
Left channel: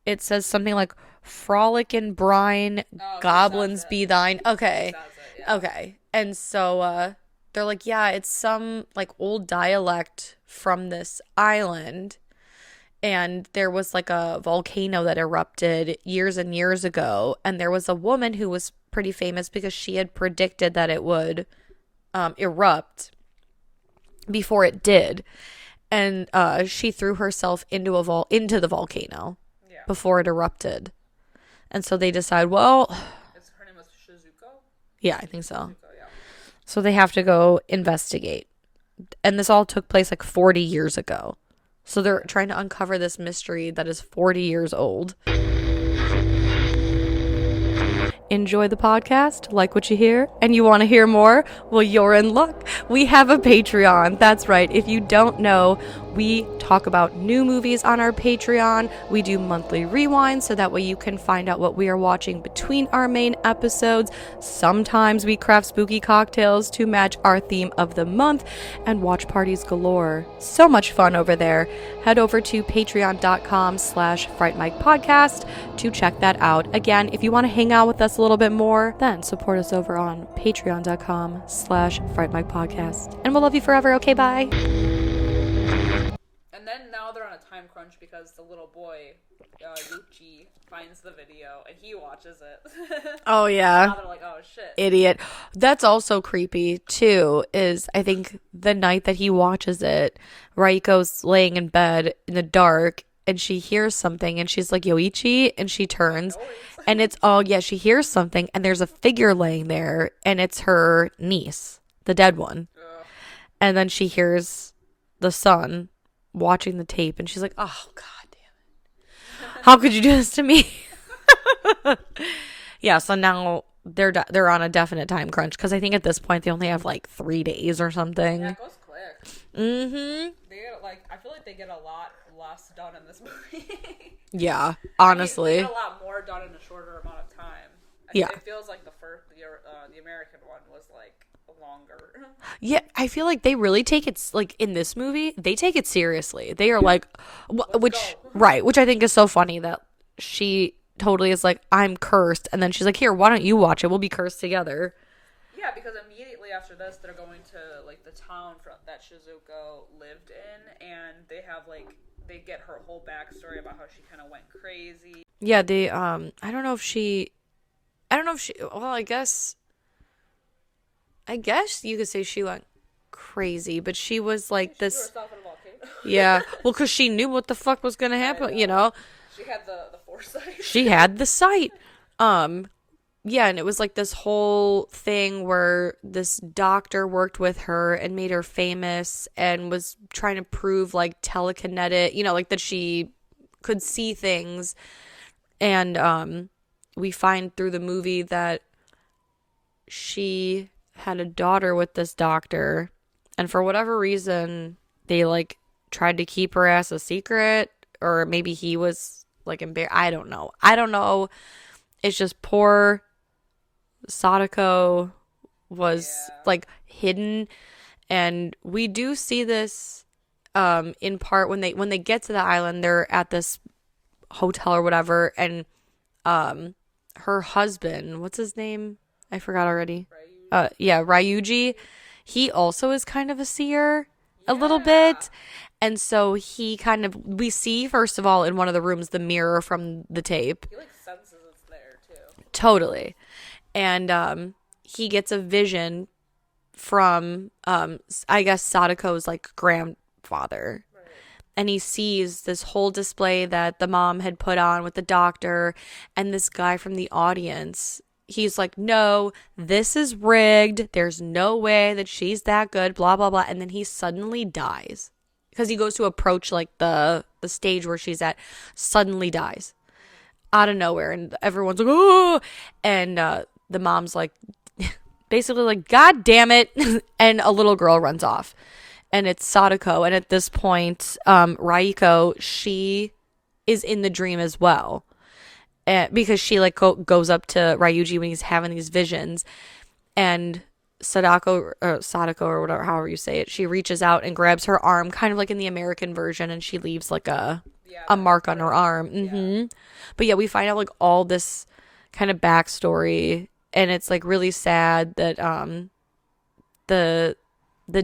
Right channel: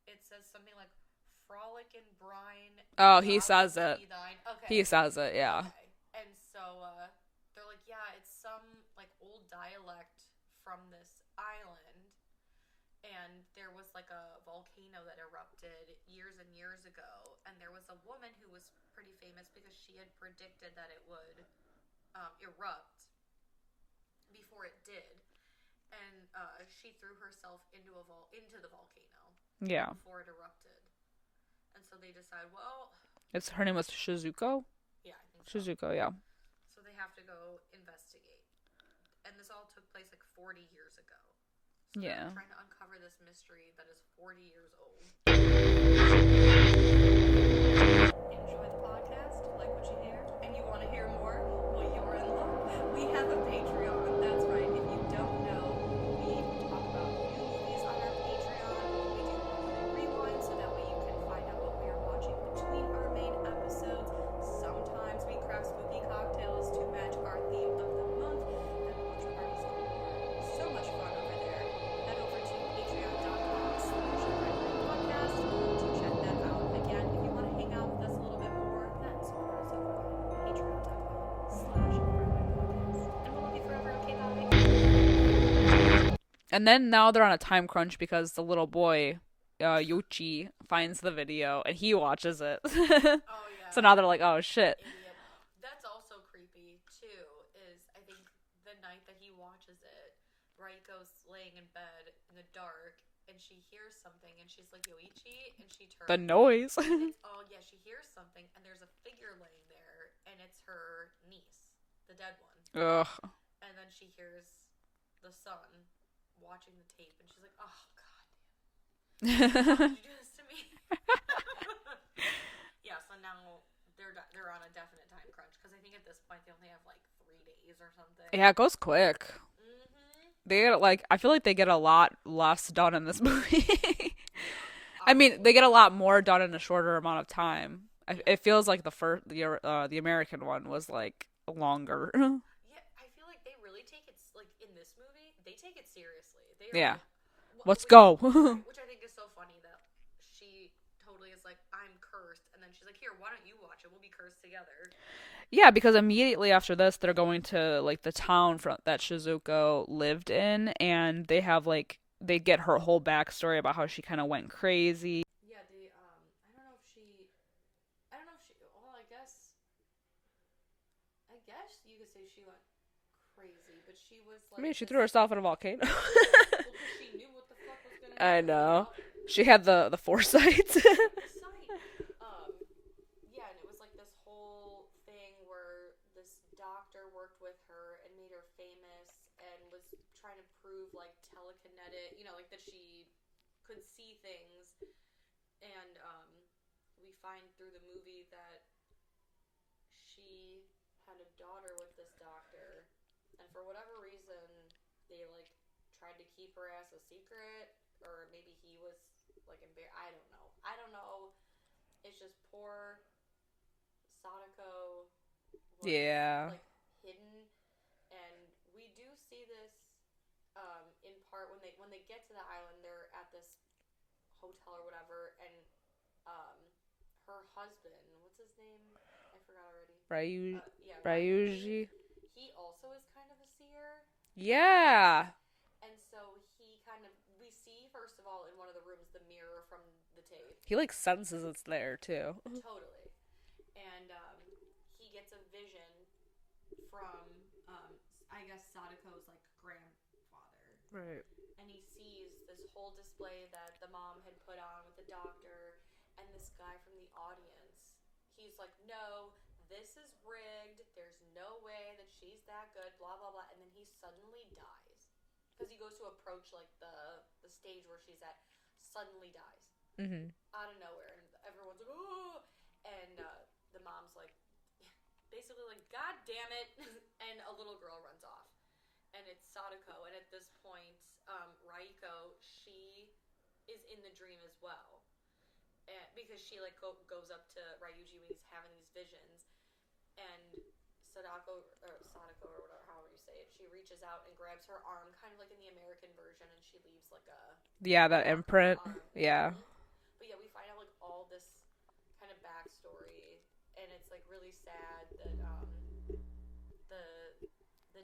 it says something like "frolic and brine, goblins be thine." Okay. He says it, yeah. Okay. And so they're like, yeah, it's some like old dialect from this island. And there was like a volcano that erupted years and years ago. And there was a woman who was pretty famous because she had predicted that it would erupt before it did. And she threw herself into the volcano before it erupted. And so they decide, well, her name was Shizuko? Yeah, I think so. Shizuko, yeah. So they have to go investigate. And this all took place like 40 years ago. So they're trying to uncover this mystery that is 40 years old. Enjoy the podcast, like what you hear, and you want to hear more? Well, you're in luck. We have a Patreon. That's right. If you don't know, we talk about new movies on our Patreon. We do monthly rewinds, so that way you can find out what we are watching between our main episodes. Sometimes we craft spooky cocktails to match our theme of the month, and watch parties galore. So much fun over there. Head over to patreon.com/Fright Mic podcast to check that out. Again, if you want to hang out with us a little bit more, then support us over on patreon.com/Fright Mic podcast. And we'll love you forever. Okay, bye. And then now they're on a time crunch because the little boy, Yoichi, finds the video and he watches it. Oh, yeah. So now they're like, oh, shit. Idiot. That's also creepy, too, is I think the night that he watches it, Raiko's laying in bed in the dark and she hears something and she's like, Yoichi, and she turns. The noise. And it's she hears something and there's a figure laying there and it's her niece, the dead one. Ugh. And then she hears the son watching the tape and she's like, oh, God damn it. How could you do this to me? Yeah, so now they're on a definite time crunch because I think at this point they only have like 3 days or something. Yeah, it goes quick. Mm-hmm. They get I feel like they get a lot less done in this movie. Yeah, honestly. I mean, they get a lot more done in a shorter amount of time. Yeah. It feels like the American one was like longer. Yeah, I feel like they really take it, like in this movie, they take it seriously. They are Yeah. like, Let's which, go. right, which I think is so funny that she totally is like, I'm cursed. And then she's like, here, why don't you watch it? We'll be cursed together. Yeah, because immediately after this, they're going to like the town that Shizuko lived in, and they have like they get her whole backstory about how she kind of went crazy. Yeah, they, I don't know if she, well, I guess you could say she went crazy, but she was like Yeah, she threw herself in a volcano. yeah, well, because she knew what the fuck was gonna I happen, know. She had the foresight. She had the sight. Yeah, and it was like this whole thing where this doctor worked with her and made her famous and was trying to prove like telekinetic, like that she could see things. And we find through the movie that she had a daughter with this doctor, and for whatever reason they like tried to keep her ass a secret, or maybe he was like embarrassed. I don't know. It's just poor Sadako was like hidden, and we do see this in part when they get to the island. They're at this hotel or whatever, and her husband, what's his name? I forgot already. Ryuji. Ryuji. He also is kind of a seer a little bit. And so he we see, first of all, in one of the rooms, the mirror from the tape. He like senses it's there too. Totally. And he gets a vision from, I guess, Sadako's like grandfather. Right. And he sees this whole display that the mom had put on with the doctor, and this guy from the audience. He's like, no, this is rigged. There's no way that she's that good, blah, blah, blah. And then he suddenly dies. Because he goes to approach like the stage where she's at, suddenly dies. Mm-hmm. Out of nowhere. And everyone's like, oh! And the mom's like, basically like, God damn it. And a little girl runs off. And it's Sadako. And at this point, Raiko, she is in the dream as well. Because she like goes up to Ryuji when he's having these visions, and Sadako or whatever, however you say it, she reaches out and grabs her arm, kind of like in the American version, and she leaves like a mark on her arm. Mm-hmm. Yeah. But yeah, we find out like all this kind of backstory, and it's like really sad that the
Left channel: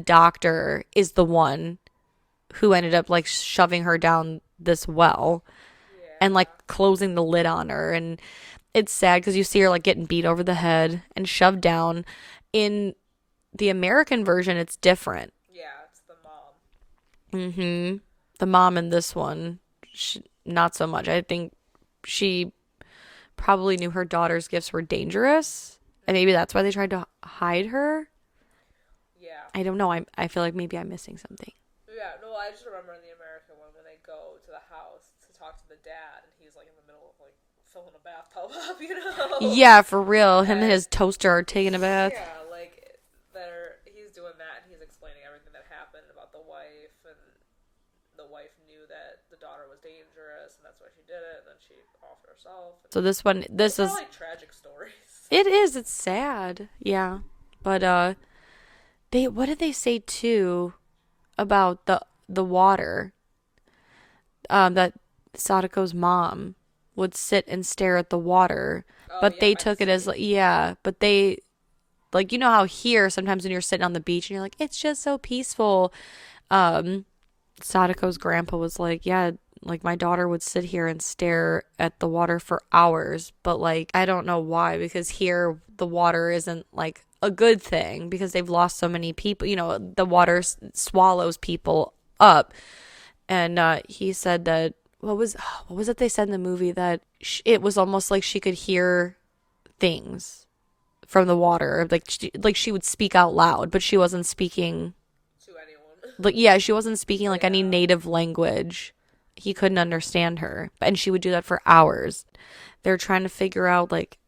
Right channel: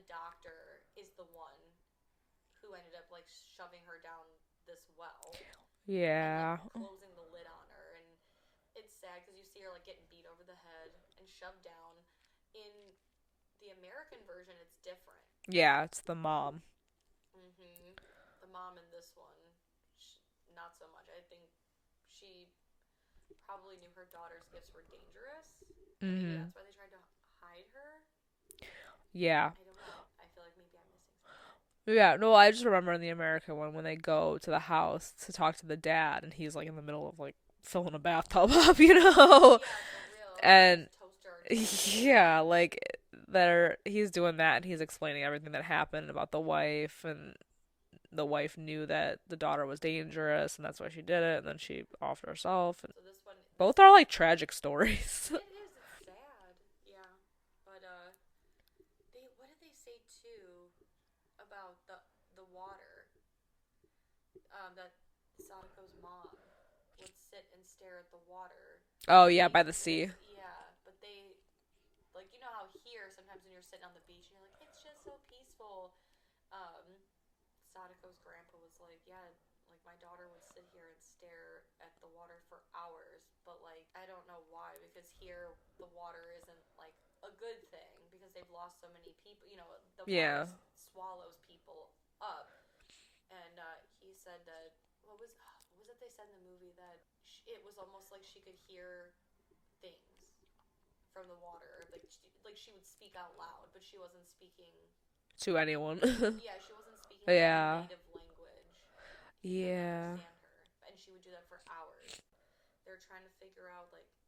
doctor is the one who ended up like shoving her down this well. Yeah. And like closing the lid on her. And it's sad because you see her like getting beat over the head and shoved down. In the American version, it's different. Yeah, it's the mom. Mm-hmm. The mom in this one, not so much. I think she probably knew her daughter's gifts were dangerous. Mm-hmm. And maybe that's why they tried to hide her. Yeah. I don't know. I feel like maybe I'm missing something. Yeah, no, I just remember in the American one when they go to the house to talk to the dad, and he's like in the middle of like filling a bathtub up, Yeah, for real. Him and his toaster are taking a bath. Yeah, like he's doing that, and he's explaining everything that happened about the wife, and the wife knew that the daughter was dangerous, and that's why she did it, and then she offed herself. So this is all like tragic stories. It is. It's sad. Yeah, but what did they say too? About the water, that Sadako's mom would sit and stare at the water, but they took it as but they like, you know how here sometimes when you're sitting on the beach and you're like, it's just so peaceful. Sadako's grandpa was like, yeah, like my daughter would sit here and stare at the water for hours, but like I don't know why, because here the water isn't like a good thing because they've lost so many people. The water swallows people up. And he said that what was it they said in the movie, that it was almost like she could hear things from the water, like she would speak out loud, but she wasn't speaking to anyone. She wasn't speaking like any native language. He couldn't understand her, and she would do that for hours. They're trying to figure out like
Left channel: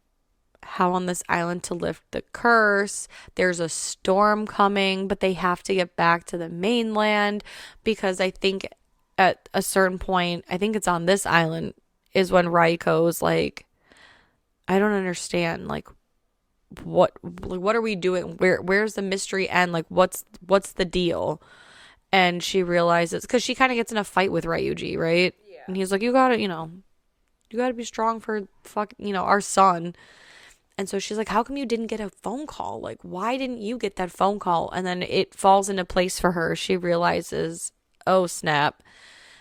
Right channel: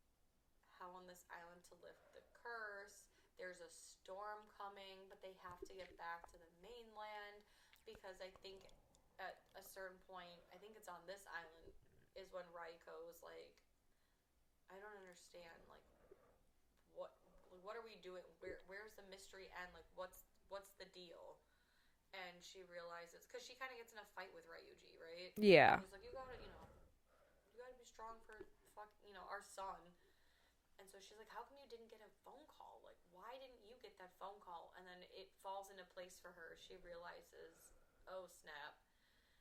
how on this island to lift the curse. There's a storm coming, but they have to get back to the mainland, because I think at a certain point, I think it's on this island, is when Raiko's like, I don't understand, like, what are we doing? Where's the mystery end? Like, what's the deal? And she realizes, because she kind of gets in a fight with Ryuji, right? Yeah. And he's like, you gotta be strong for our son. And so she's like, how come you didn't get a phone call? Like, why didn't you get that phone call? And then it falls into place for her. She realizes, oh snap,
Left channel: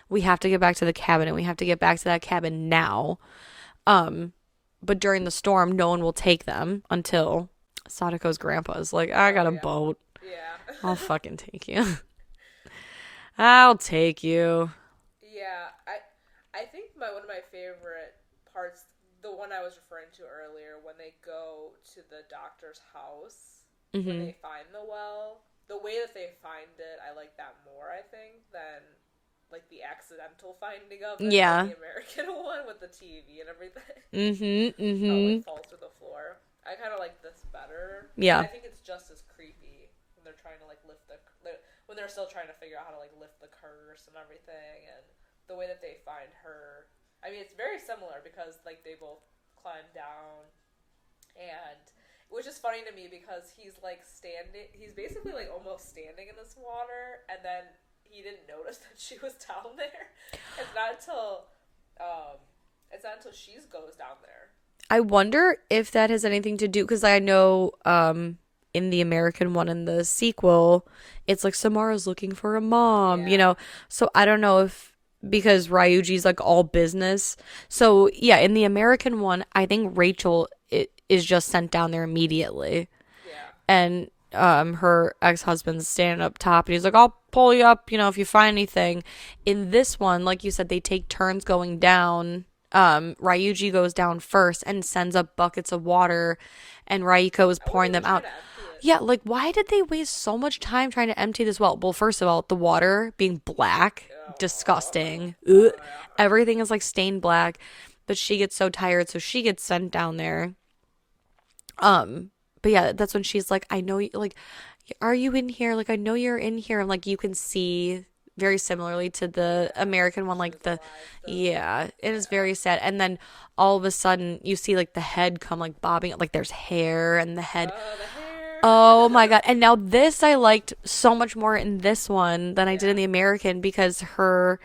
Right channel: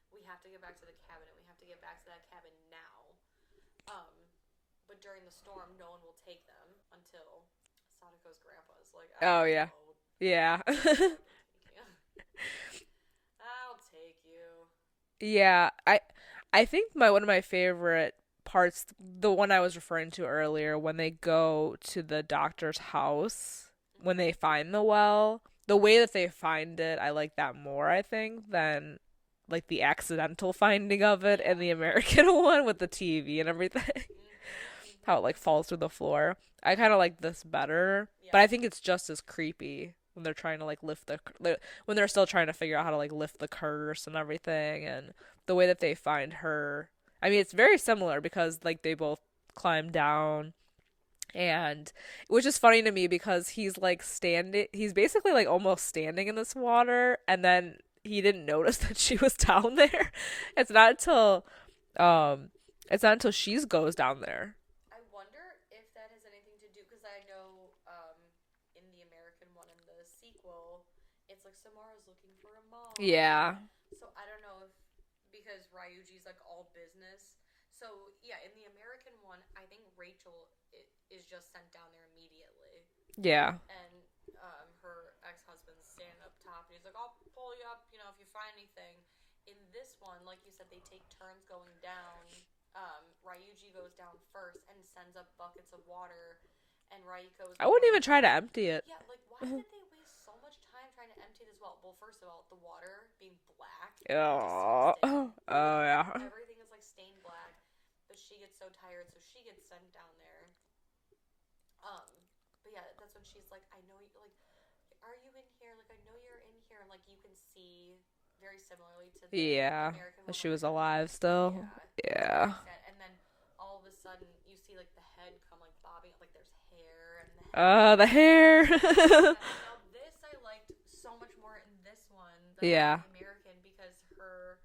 we have to get back to the cabin, and we have to get back to that cabin now. But during the storm, no one will take them until Sadako's grandpa's like, I got a boat. Yeah. I'll fucking take you. I'll take you. Yeah. I think one of my favorite parts, the one I was referring to earlier, when they go to the doctor's house, when they find the well, the way that they find it, I like that more, I think, than like the accidental finding of it in the American one with the TV and everything. How it like falls through the floor. I kind of like this better. Yeah. But I think it's just as creepy when they're trying to like when they're still trying to figure out how to like lift the curse and everything, and the way that they find her. I mean, it's very similar because like they both climb down, and which is funny to me because he's basically like almost standing in this water, and then he didn't notice that she was down there. It's not until she goes down there. I wonder if that has anything to do, because I know in the American one, in the sequel, it's like Samara's looking for a mom, so I don't know if, because Ryuji's like all business. So yeah, in the American one, I think Rachel is just sent down there immediately. Yeah. And her ex-husband's standing up top, and he's like, I'll pull you up, if you find anything. In this one, like you said, they take turns going down. Ryuji goes down first and sends up buckets of water, and Raiko is pouring them out. To empty it. Yeah, like, why did they waste so much time trying to empty this well? Well, first of all, the water being black, disgusting. Yeah. Everything is like stained black. But she gets so tired, so she gets sent down there. But yeah, that's when she's like, I know, like, are you in here? Like, I know you're in here. And like, you can see very similarly to the American one, like, was alive still. Yeah, it is very sad. And then all of a sudden you see like the head come like bobbing, like there's hair and the head. The hair. Oh my god. And now this I liked so much more in this one than I did in the American, because her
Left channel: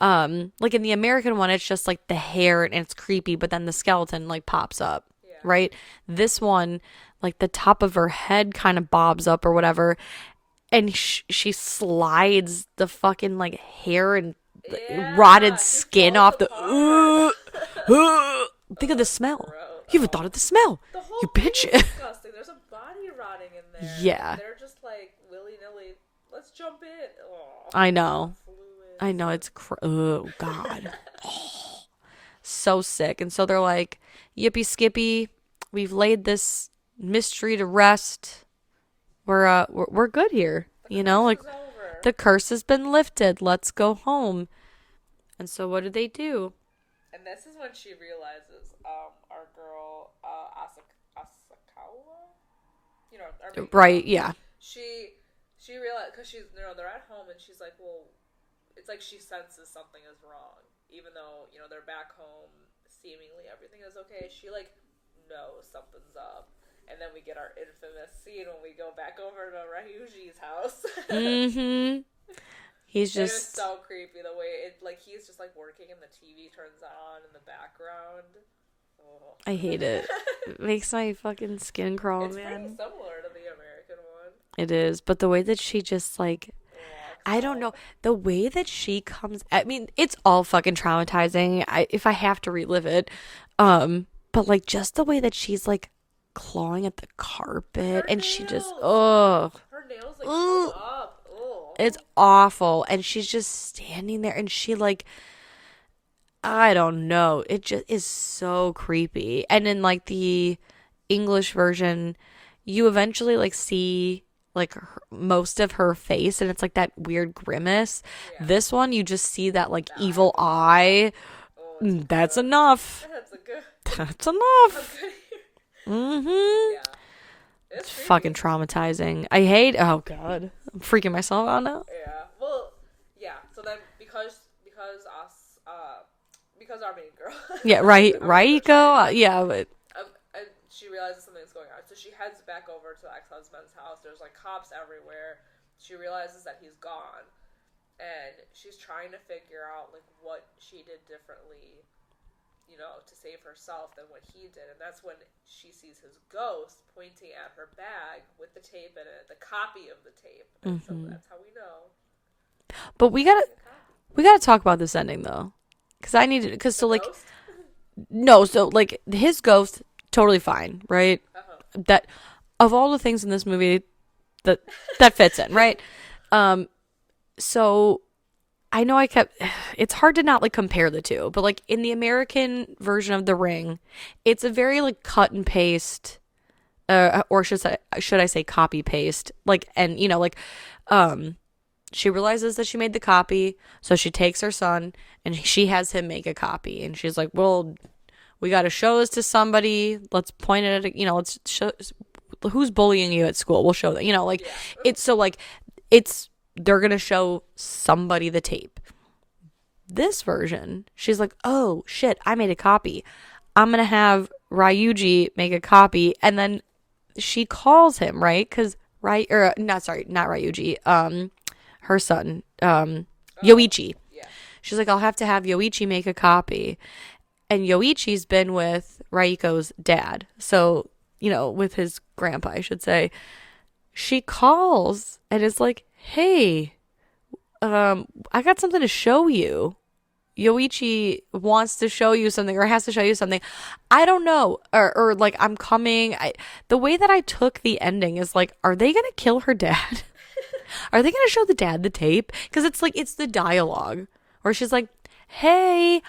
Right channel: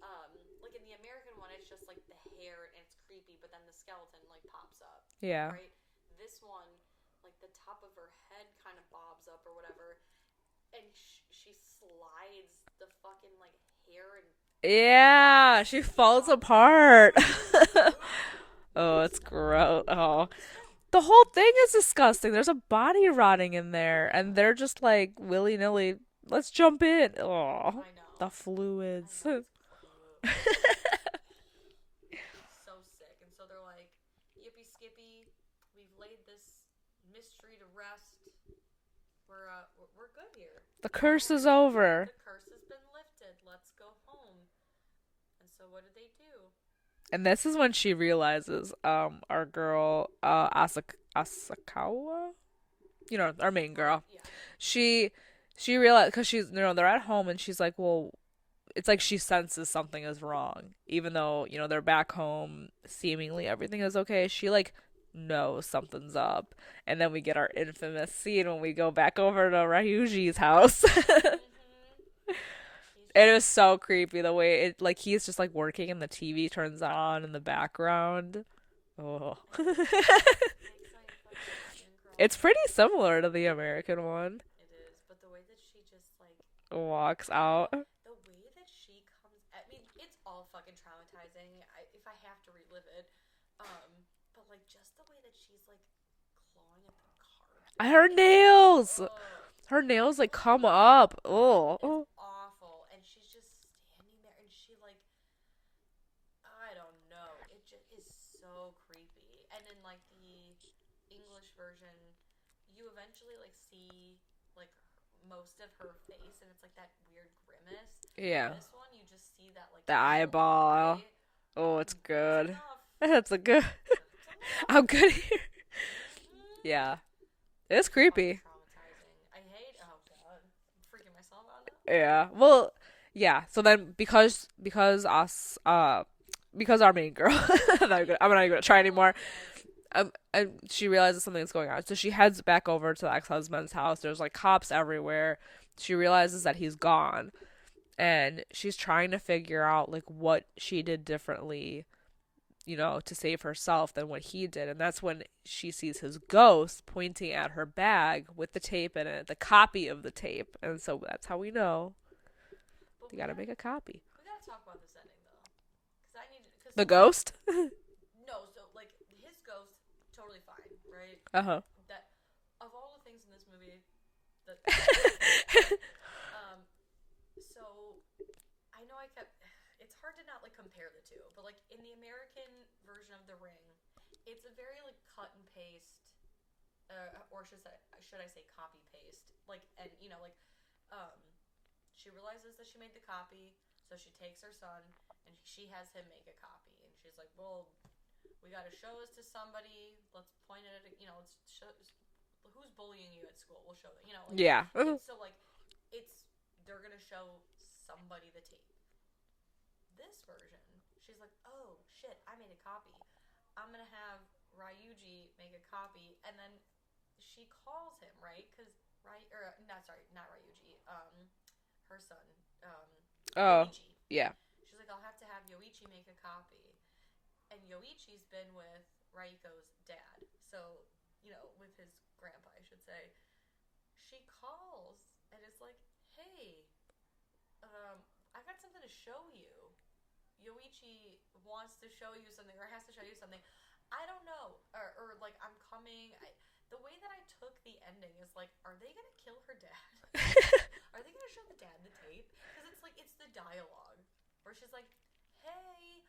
like in the American one, it's just like the hair and it's creepy, but then the skeleton like pops up. Yeah. Right? This one, like the top of her head kind of bobs up or whatever, and she slides the fucking like hair and rotted skin off the part. Think of the smell. Gross. You even thought of the smell. The whole thing is disgusting. There's a body rotting in there. Yeah. And they're just like willy-nilly, let's jump in. Oh, I know. The fluids. I know. It's oh god. So sick. And so they're like, yippee skippy, we've laid this mystery to rest. We're good here. The curse is over. The curse has been lifted. Let's go home. And so what do? And this is when she realizes our girl Asakawa, our main girl. Right, yeah. She realized, because she's they're at home, and she's like, well, it's like she senses something is wrong, even though they're back home, seemingly everything is okay. She like knows something's up. And then we get our infamous scene when we go back over to Ryuji's house. He's just... It was so creepy the way he's just like working and the TV turns on in the background. Oh, I hate it. It makes my fucking skin crawl. It's pretty similar to the American one. It is, but the way that she just like walks I don't know. The way that she comes, I mean, it's all fucking traumatizing. If I have to relive it. But like just the way that she's like clawing at the carpet, her and nails. Her nails like come up. Oh, it's awful. And she's just standing there, and she like, I don't know, it just is so creepy. And in like the English version, you eventually like see like most of her face, and it's like that weird grimace. This one, you just see that like the evil eye. Oh, it's good. That's enough. That's enough. I'm good here. Yeah. It's creepy. Fucking traumatizing. I hate. Oh god, I'm freaking myself out now. Yeah. Well, yeah. So then, because our main girl. Yeah. Right. Right. Yeah. But and she realizes something's going on. So she heads back over to the ex-husband's house. There's like cops everywhere. She realizes that he's gone, and she's trying to figure out like what she did differently, to save herself than what he did. And that's when she sees his ghost pointing at her bag with the tape in it, the copy of the tape. And so that's how we know. But we gotta make a copy. We gotta talk about this ending though, because I need to. Because the ghost. No, so like his ghost, totally fine, right? That of all the things in this movie, that fits in, right? So I know it's hard to not like compare the two, but like in the American version of The Ring, it's a very like cut and paste, or should I say copy paste? Like, and she realizes that she made the copy, so she takes her son and she has him make a copy, and she's like, well, we got to show this to somebody. Let's point it at, let's show who's bullying you at school. We'll show that, yeah. It's so like, they're going to show somebody the tape. This version, she's like, oh shit, I made a copy. I'm going to have Ryuji make a copy. And then she calls him, right? Because, not Ryuji, her son, Yoichi. Yeah. She's like, I'll have to have Yoichi make a copy. And Yoichi's been with Raiko's dad. So, with his grandpa, I should say. She calls and is like, hey, I got something to show you. Yoichi wants to show you something, or has to show you something. I don't know. Or like, I'm coming. The way that I took the ending is like, are they going to kill her dad? Are they going to show the dad the tape? Because it's like, it's the dialogue where she's like, hey,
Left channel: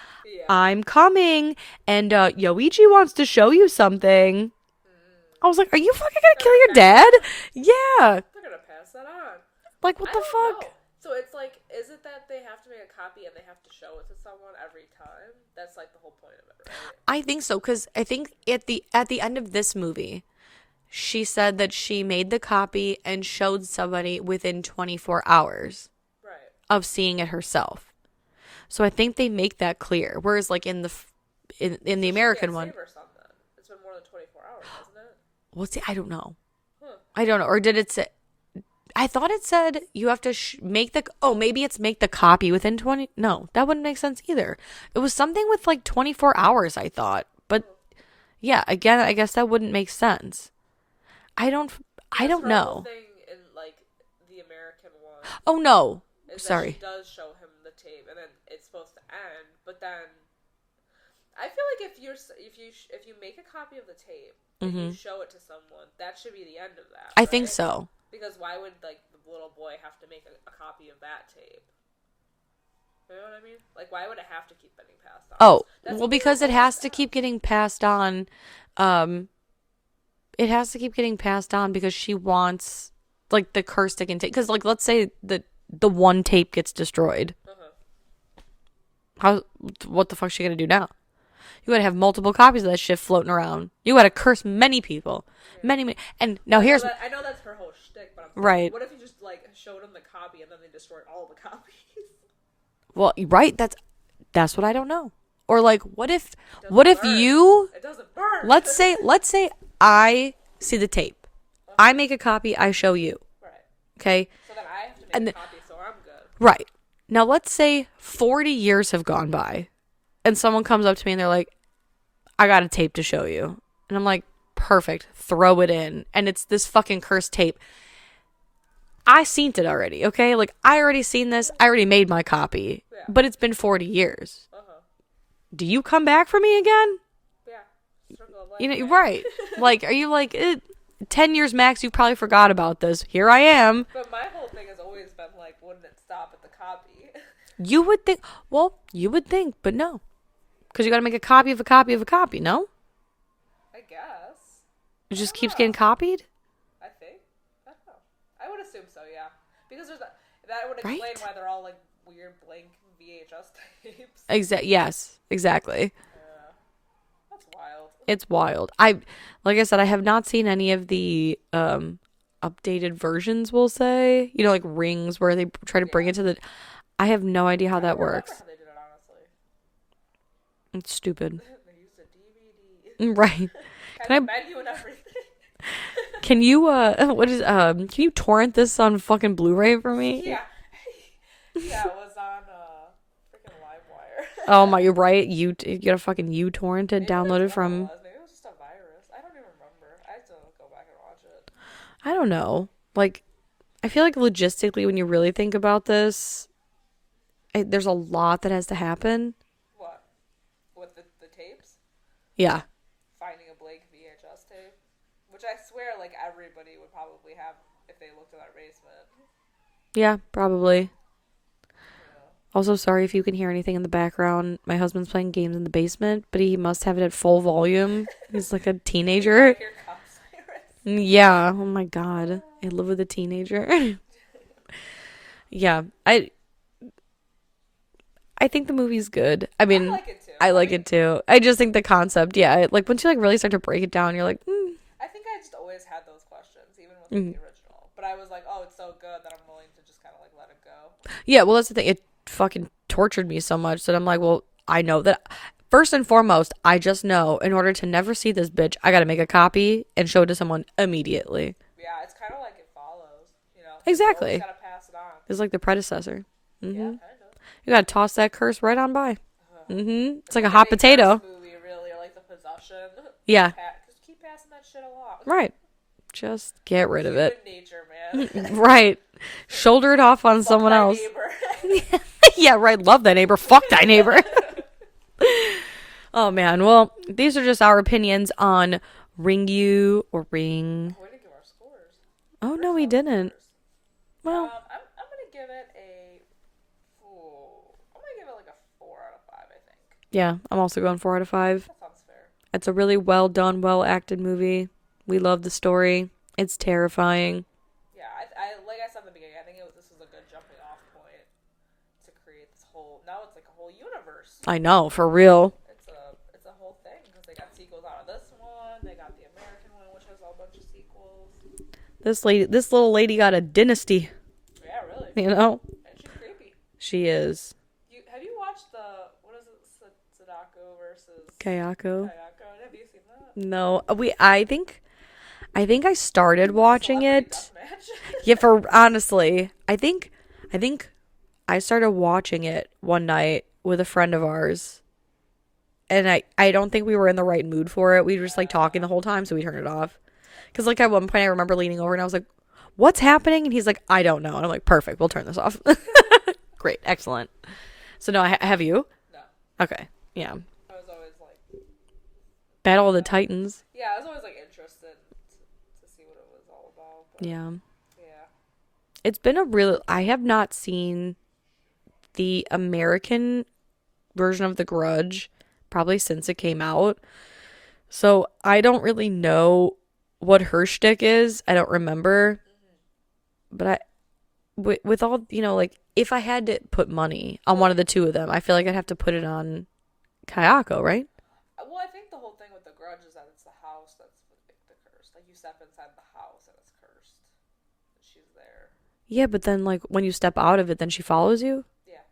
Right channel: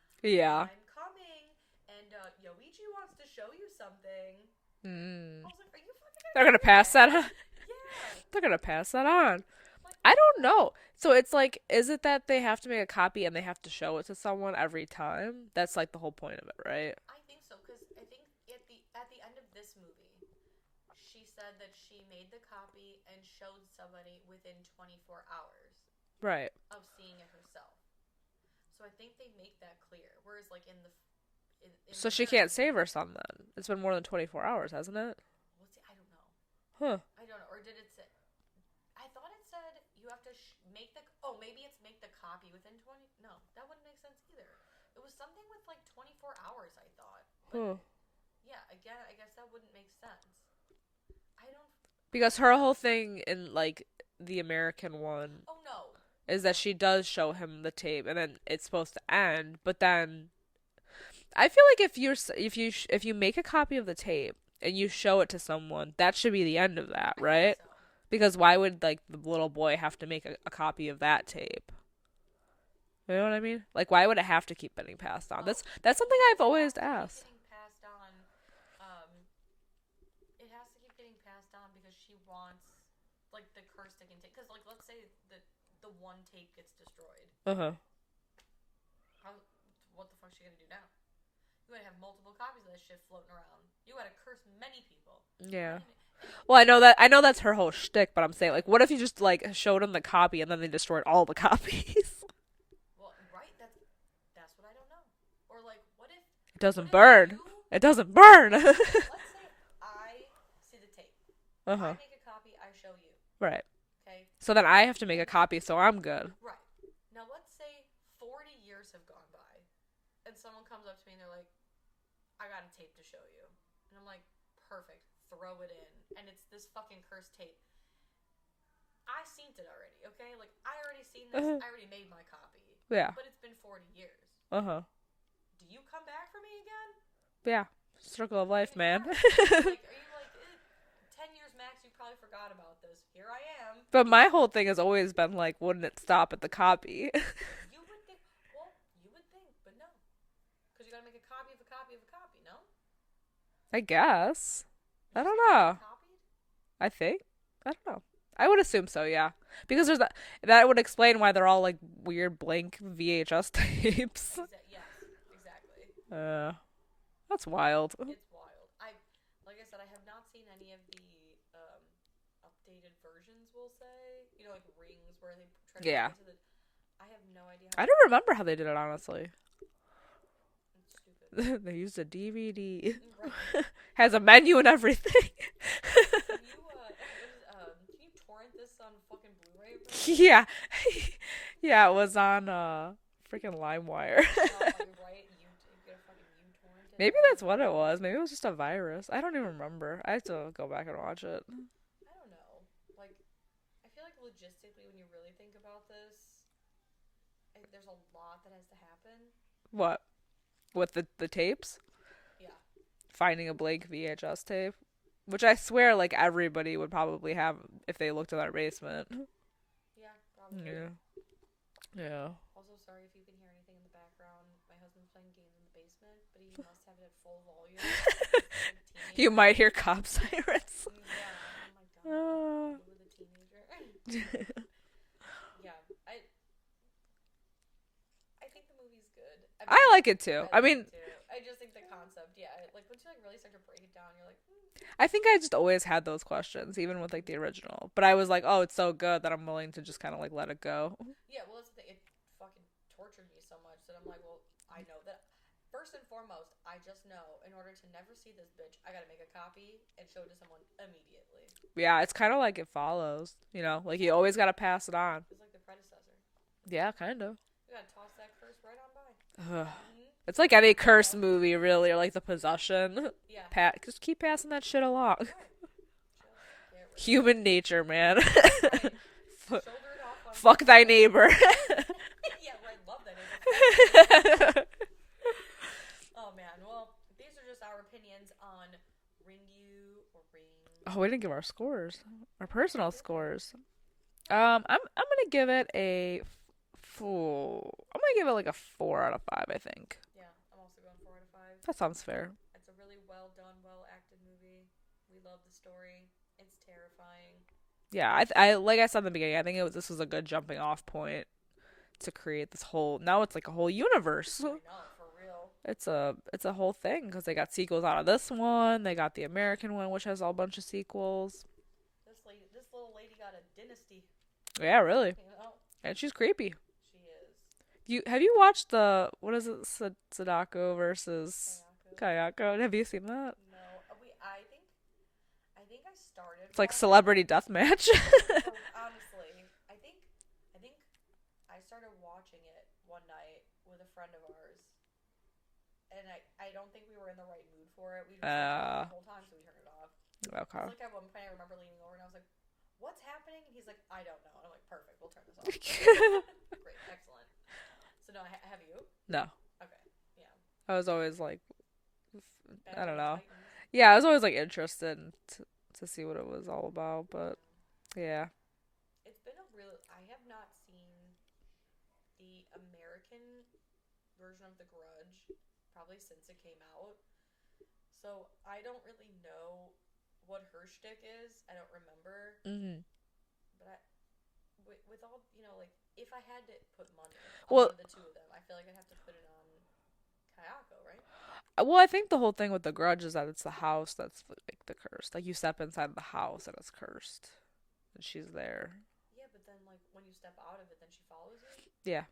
I'm coming, and Yoichi wants to show you something. I was like, are you fucking going to kill your dad? Yeah. They're going to pass that on. Like, what the fuck? I don't know. So it's like, is it that they have to make a copy and they have to show it to someone every time? That's like the whole point of it, right? I think so, because I think at the end of this movie, she said that she made the copy and showed somebody within 24 hours of seeing it herself. So I think they make that clear. Whereas like in the American one, she can't save her son then. It's been more than 24 hours, hasn't it? Well, see, I don't know. Huh. I don't know. Or did it say? I thought it said you have to make the. Oh, maybe it's make the copy within 20. No, that wouldn't make sense either. It was something with like 24 hours. I thought, but yeah, again, I guess that wouldn't make sense. I don't know. Her whole thing in like the American one. Oh no. Is that she does show him the tape, and then it's supposed to end. But then, I feel like if you make a copy of the tape and you show it to someone, that should be the end of that. I think so. Because why would like the little boy have to make a copy of that tape? You know what I mean? Like, why would it have to keep getting passed on? Oh, because it has to keep getting passed on. It has to keep getting passed on because she wants like the curse to continue. Because like, let's say the one tape gets destroyed. What the fuck's she gonna do now? You gotta have multiple copies of that shit floating around. You gotta curse many people. Yeah. Many. And well, I know that's her whole shtick, but I'm saying, like, what if you just like showed them the copy and then they destroyed all the copies? Well, right. That's what I don't know. Or like, what if it doesn't burn? Let's say I see the tape. I make a copy. I show you. Right. Okay. So then I have to make a copy, so I'm good. Right. Now let's say 40 years have gone by, and someone comes up to me and they're like, "I got a tape to show you," and I'm like, "Perfect. Throw it in." And it's this fucking cursed tape. I seen it already. Okay. Like I already seen this. I already made my copy. Yeah. But it's been 40 years. Do you come back for me again? Yeah. Circle of life, man. Right. Like, are you like 10 years max, you probably forgot about this. Here I am. But my whole thing has always been like, wouldn't it stop at the copy? You would think, but no. Because you got to make a copy of a copy of a copy, no? I guess. It just keeps getting copied? I think. I don't know. I would assume so, yeah. Because there's that would explain why they're all like weird blank VHS tapes. Yes, exactly. That's wild. It's wild. Like I said, I have not seen any of the updated versions, we'll say. Like rings where they try to bring it to the... I have no idea how that works. I don't remember how they did it, honestly. It's stupid. They used a DVD. Right. Has a menu and everything. Can you can you torrent this on fucking Blu-ray for me? Yeah. Yeah, it was on freaking LimeWire. Oh my, you're right. You got a fucking uTorrent it, download it from. It was. Maybe it was just a virus. I don't even remember. I have to go back and watch it. I don't know. Like, I feel like logistically, when you really think about this, there's a lot that has to happen. What? With the tapes? Yeah. Finding a blank VHS tape, which I swear, like, everybody would probably have if they looked in their basement. Yeah, probably. Yeah. Also, sorry if you can hear anything in the background. My husband's playing games in the basement, but he must have it at full volume. He's like a teenager. You might hear cop sirens. Yeah. Oh my god. I live with a teenager. Yeah. I think the movie's good. I mean, I like it too. I like it too. I just think the concept, yeah, like once you like really start to break it down, you're like, I think I just always had those questions, even with like the original. But I was like, oh, it's so good that I'm willing to just kind of like let it go. Yeah, well, that's the thing. It fucking tortured me so much that I'm like, well, I know that. First and foremost, I just know in order to never see this bitch, I got to make a copy and show it to someone immediately. Yeah, it's kind of like It Follows, you know? Like exactly. You always got to pass it on. It's like the predecessor. Mm-hmm. Yeah, kind of. You got to toss that curse right on by. It's like a hot any potato. Curse movie, really, or like The Possession. Yeah. Just keep passing that shit along. Right. Just get rid of it. Human nature, man. Right. Shoulder it off on someone else. Fuck thy neighbor. Yeah, right. Love thy neighbor. Fuck thy neighbor. Oh, man. Well, these are just our opinions on Ringu or Ring. Oh, we didn't give our scores. Oh, no, we didn't. Well, I'm gonna give it a 4. I'm gonna give it like a 4 out of 5. I think. Yeah, I'm also going 4 out of 5. That sounds fair. It's a really well done, well acted movie. We love the story. It's terrifying. Yeah, I like I said in the beginning, I think this was a good jumping off point to create this whole. Now it's like a whole universe. I know, for real. It's a whole thing because they got sequels out of this one. They got the American one, which has a bunch of sequels. This little lady got a dynasty. Yeah, really. You know, and she's creepy. She is. Have you watched the what is it, Sadako versus Kayako? Have you seen that? No, I think I started watching Celebrity it. Deathmatch. Yeah, for honestly, I think I started watching it one night with a friend of ours, and I don't think we were in the right mood for it. We were just like talking the whole time, so we turned it off. Because like at one point I remember leaning over and I was like, "What's happening?" And he's like, "I don't know." And I'm like, "Perfect, we'll turn this off." Great, excellent. So no, have you? No. Okay, yeah. I was always like Battle of the Titans. Yeah, I was always like interested to see what it was all about. But yeah. It's been I have not seen the American version of The Grudge probably since it came out. So I don't really know what her shtick is. I don't remember. Mm-hmm. But with all, you know, like if I had to put money on one of the two of them, I feel like I'd have to put it on Kayako, right? Well, I think the whole thing with The Grudge is that it's the house that's like the curse. Like you step inside the house and it's cursed. And she's there. Yeah, but then like when you step out of it, then she follows you? Yeah.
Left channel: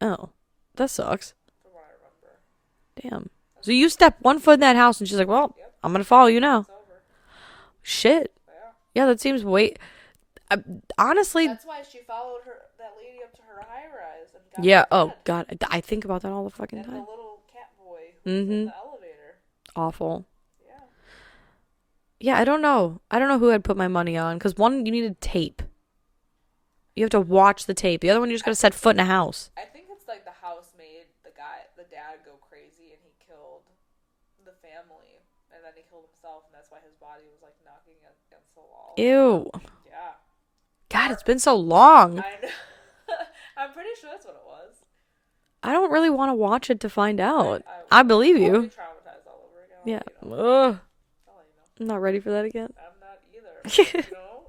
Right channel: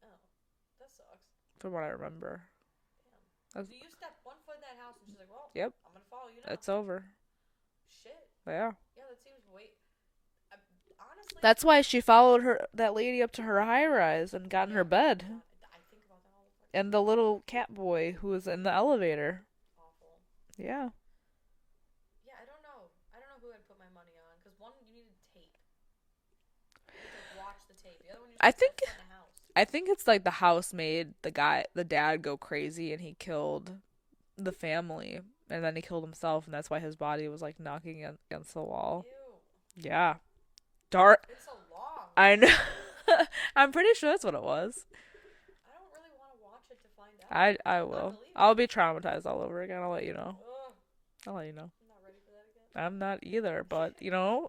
Oh, that sucks. From what I remember. Damn. So you step one foot in that house and she's like, well, yep. I'm going to follow you now. It's over. Shit. Yeah. Yeah, that seems honestly. That's why she followed that lady up to her high rise and got yeah, in bed. Oh, God. I think about that all the fucking time. And the little cat boy who was in the elevator. Awful. Yeah. Yeah, I don't know. I don't know who I'd put my money on. Because one, you needed tape. You have to watch the tape. The other one, you just got to set foot in a house. I think it's like the house made the dad go crazy and he killed the family. And then he killed himself. And that's why his body was like knocking against the wall. Ew. Yeah. God, it's been so long. I know. I'm pretty sure that's what it was. I don't really want to watch it to find out. I believe you. I'll be traumatized all over again. I'll let you know. Ugh. I'll let you know. I'm not ready for that again. I'm not either. But, you know,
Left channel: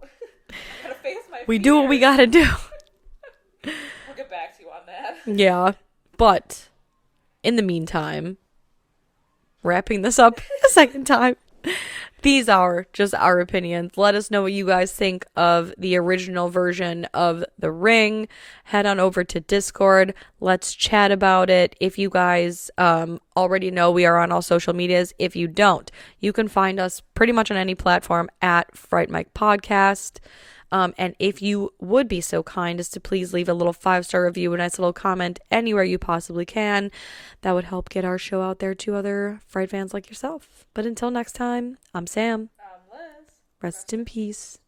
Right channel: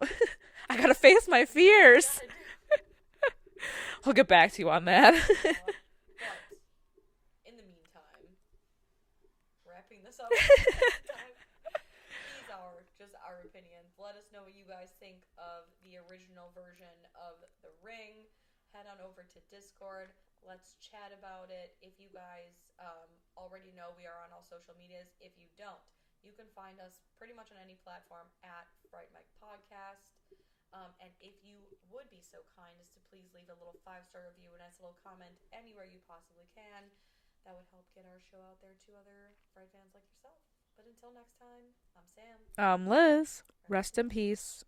I got to face my fears. We do what we got to do. We'll get back to you on that. Yeah. But in the meantime, wrapping this up a second time, These are just our opinions. Let us know what you guys think of the original version of The Ring. Head on over to Discord. Let's chat about it. If you guys already know, we are on all social medias. If you don't, you can find us pretty much on any platform at Fright Mic Podcast. And if you would be so kind as to please leave a little 5-star review, a nice little comment anywhere you possibly can, that would help get our show out there to other Fright fans like yourself. But until next time, I'm Sam. I'm Liz. Rest in peace.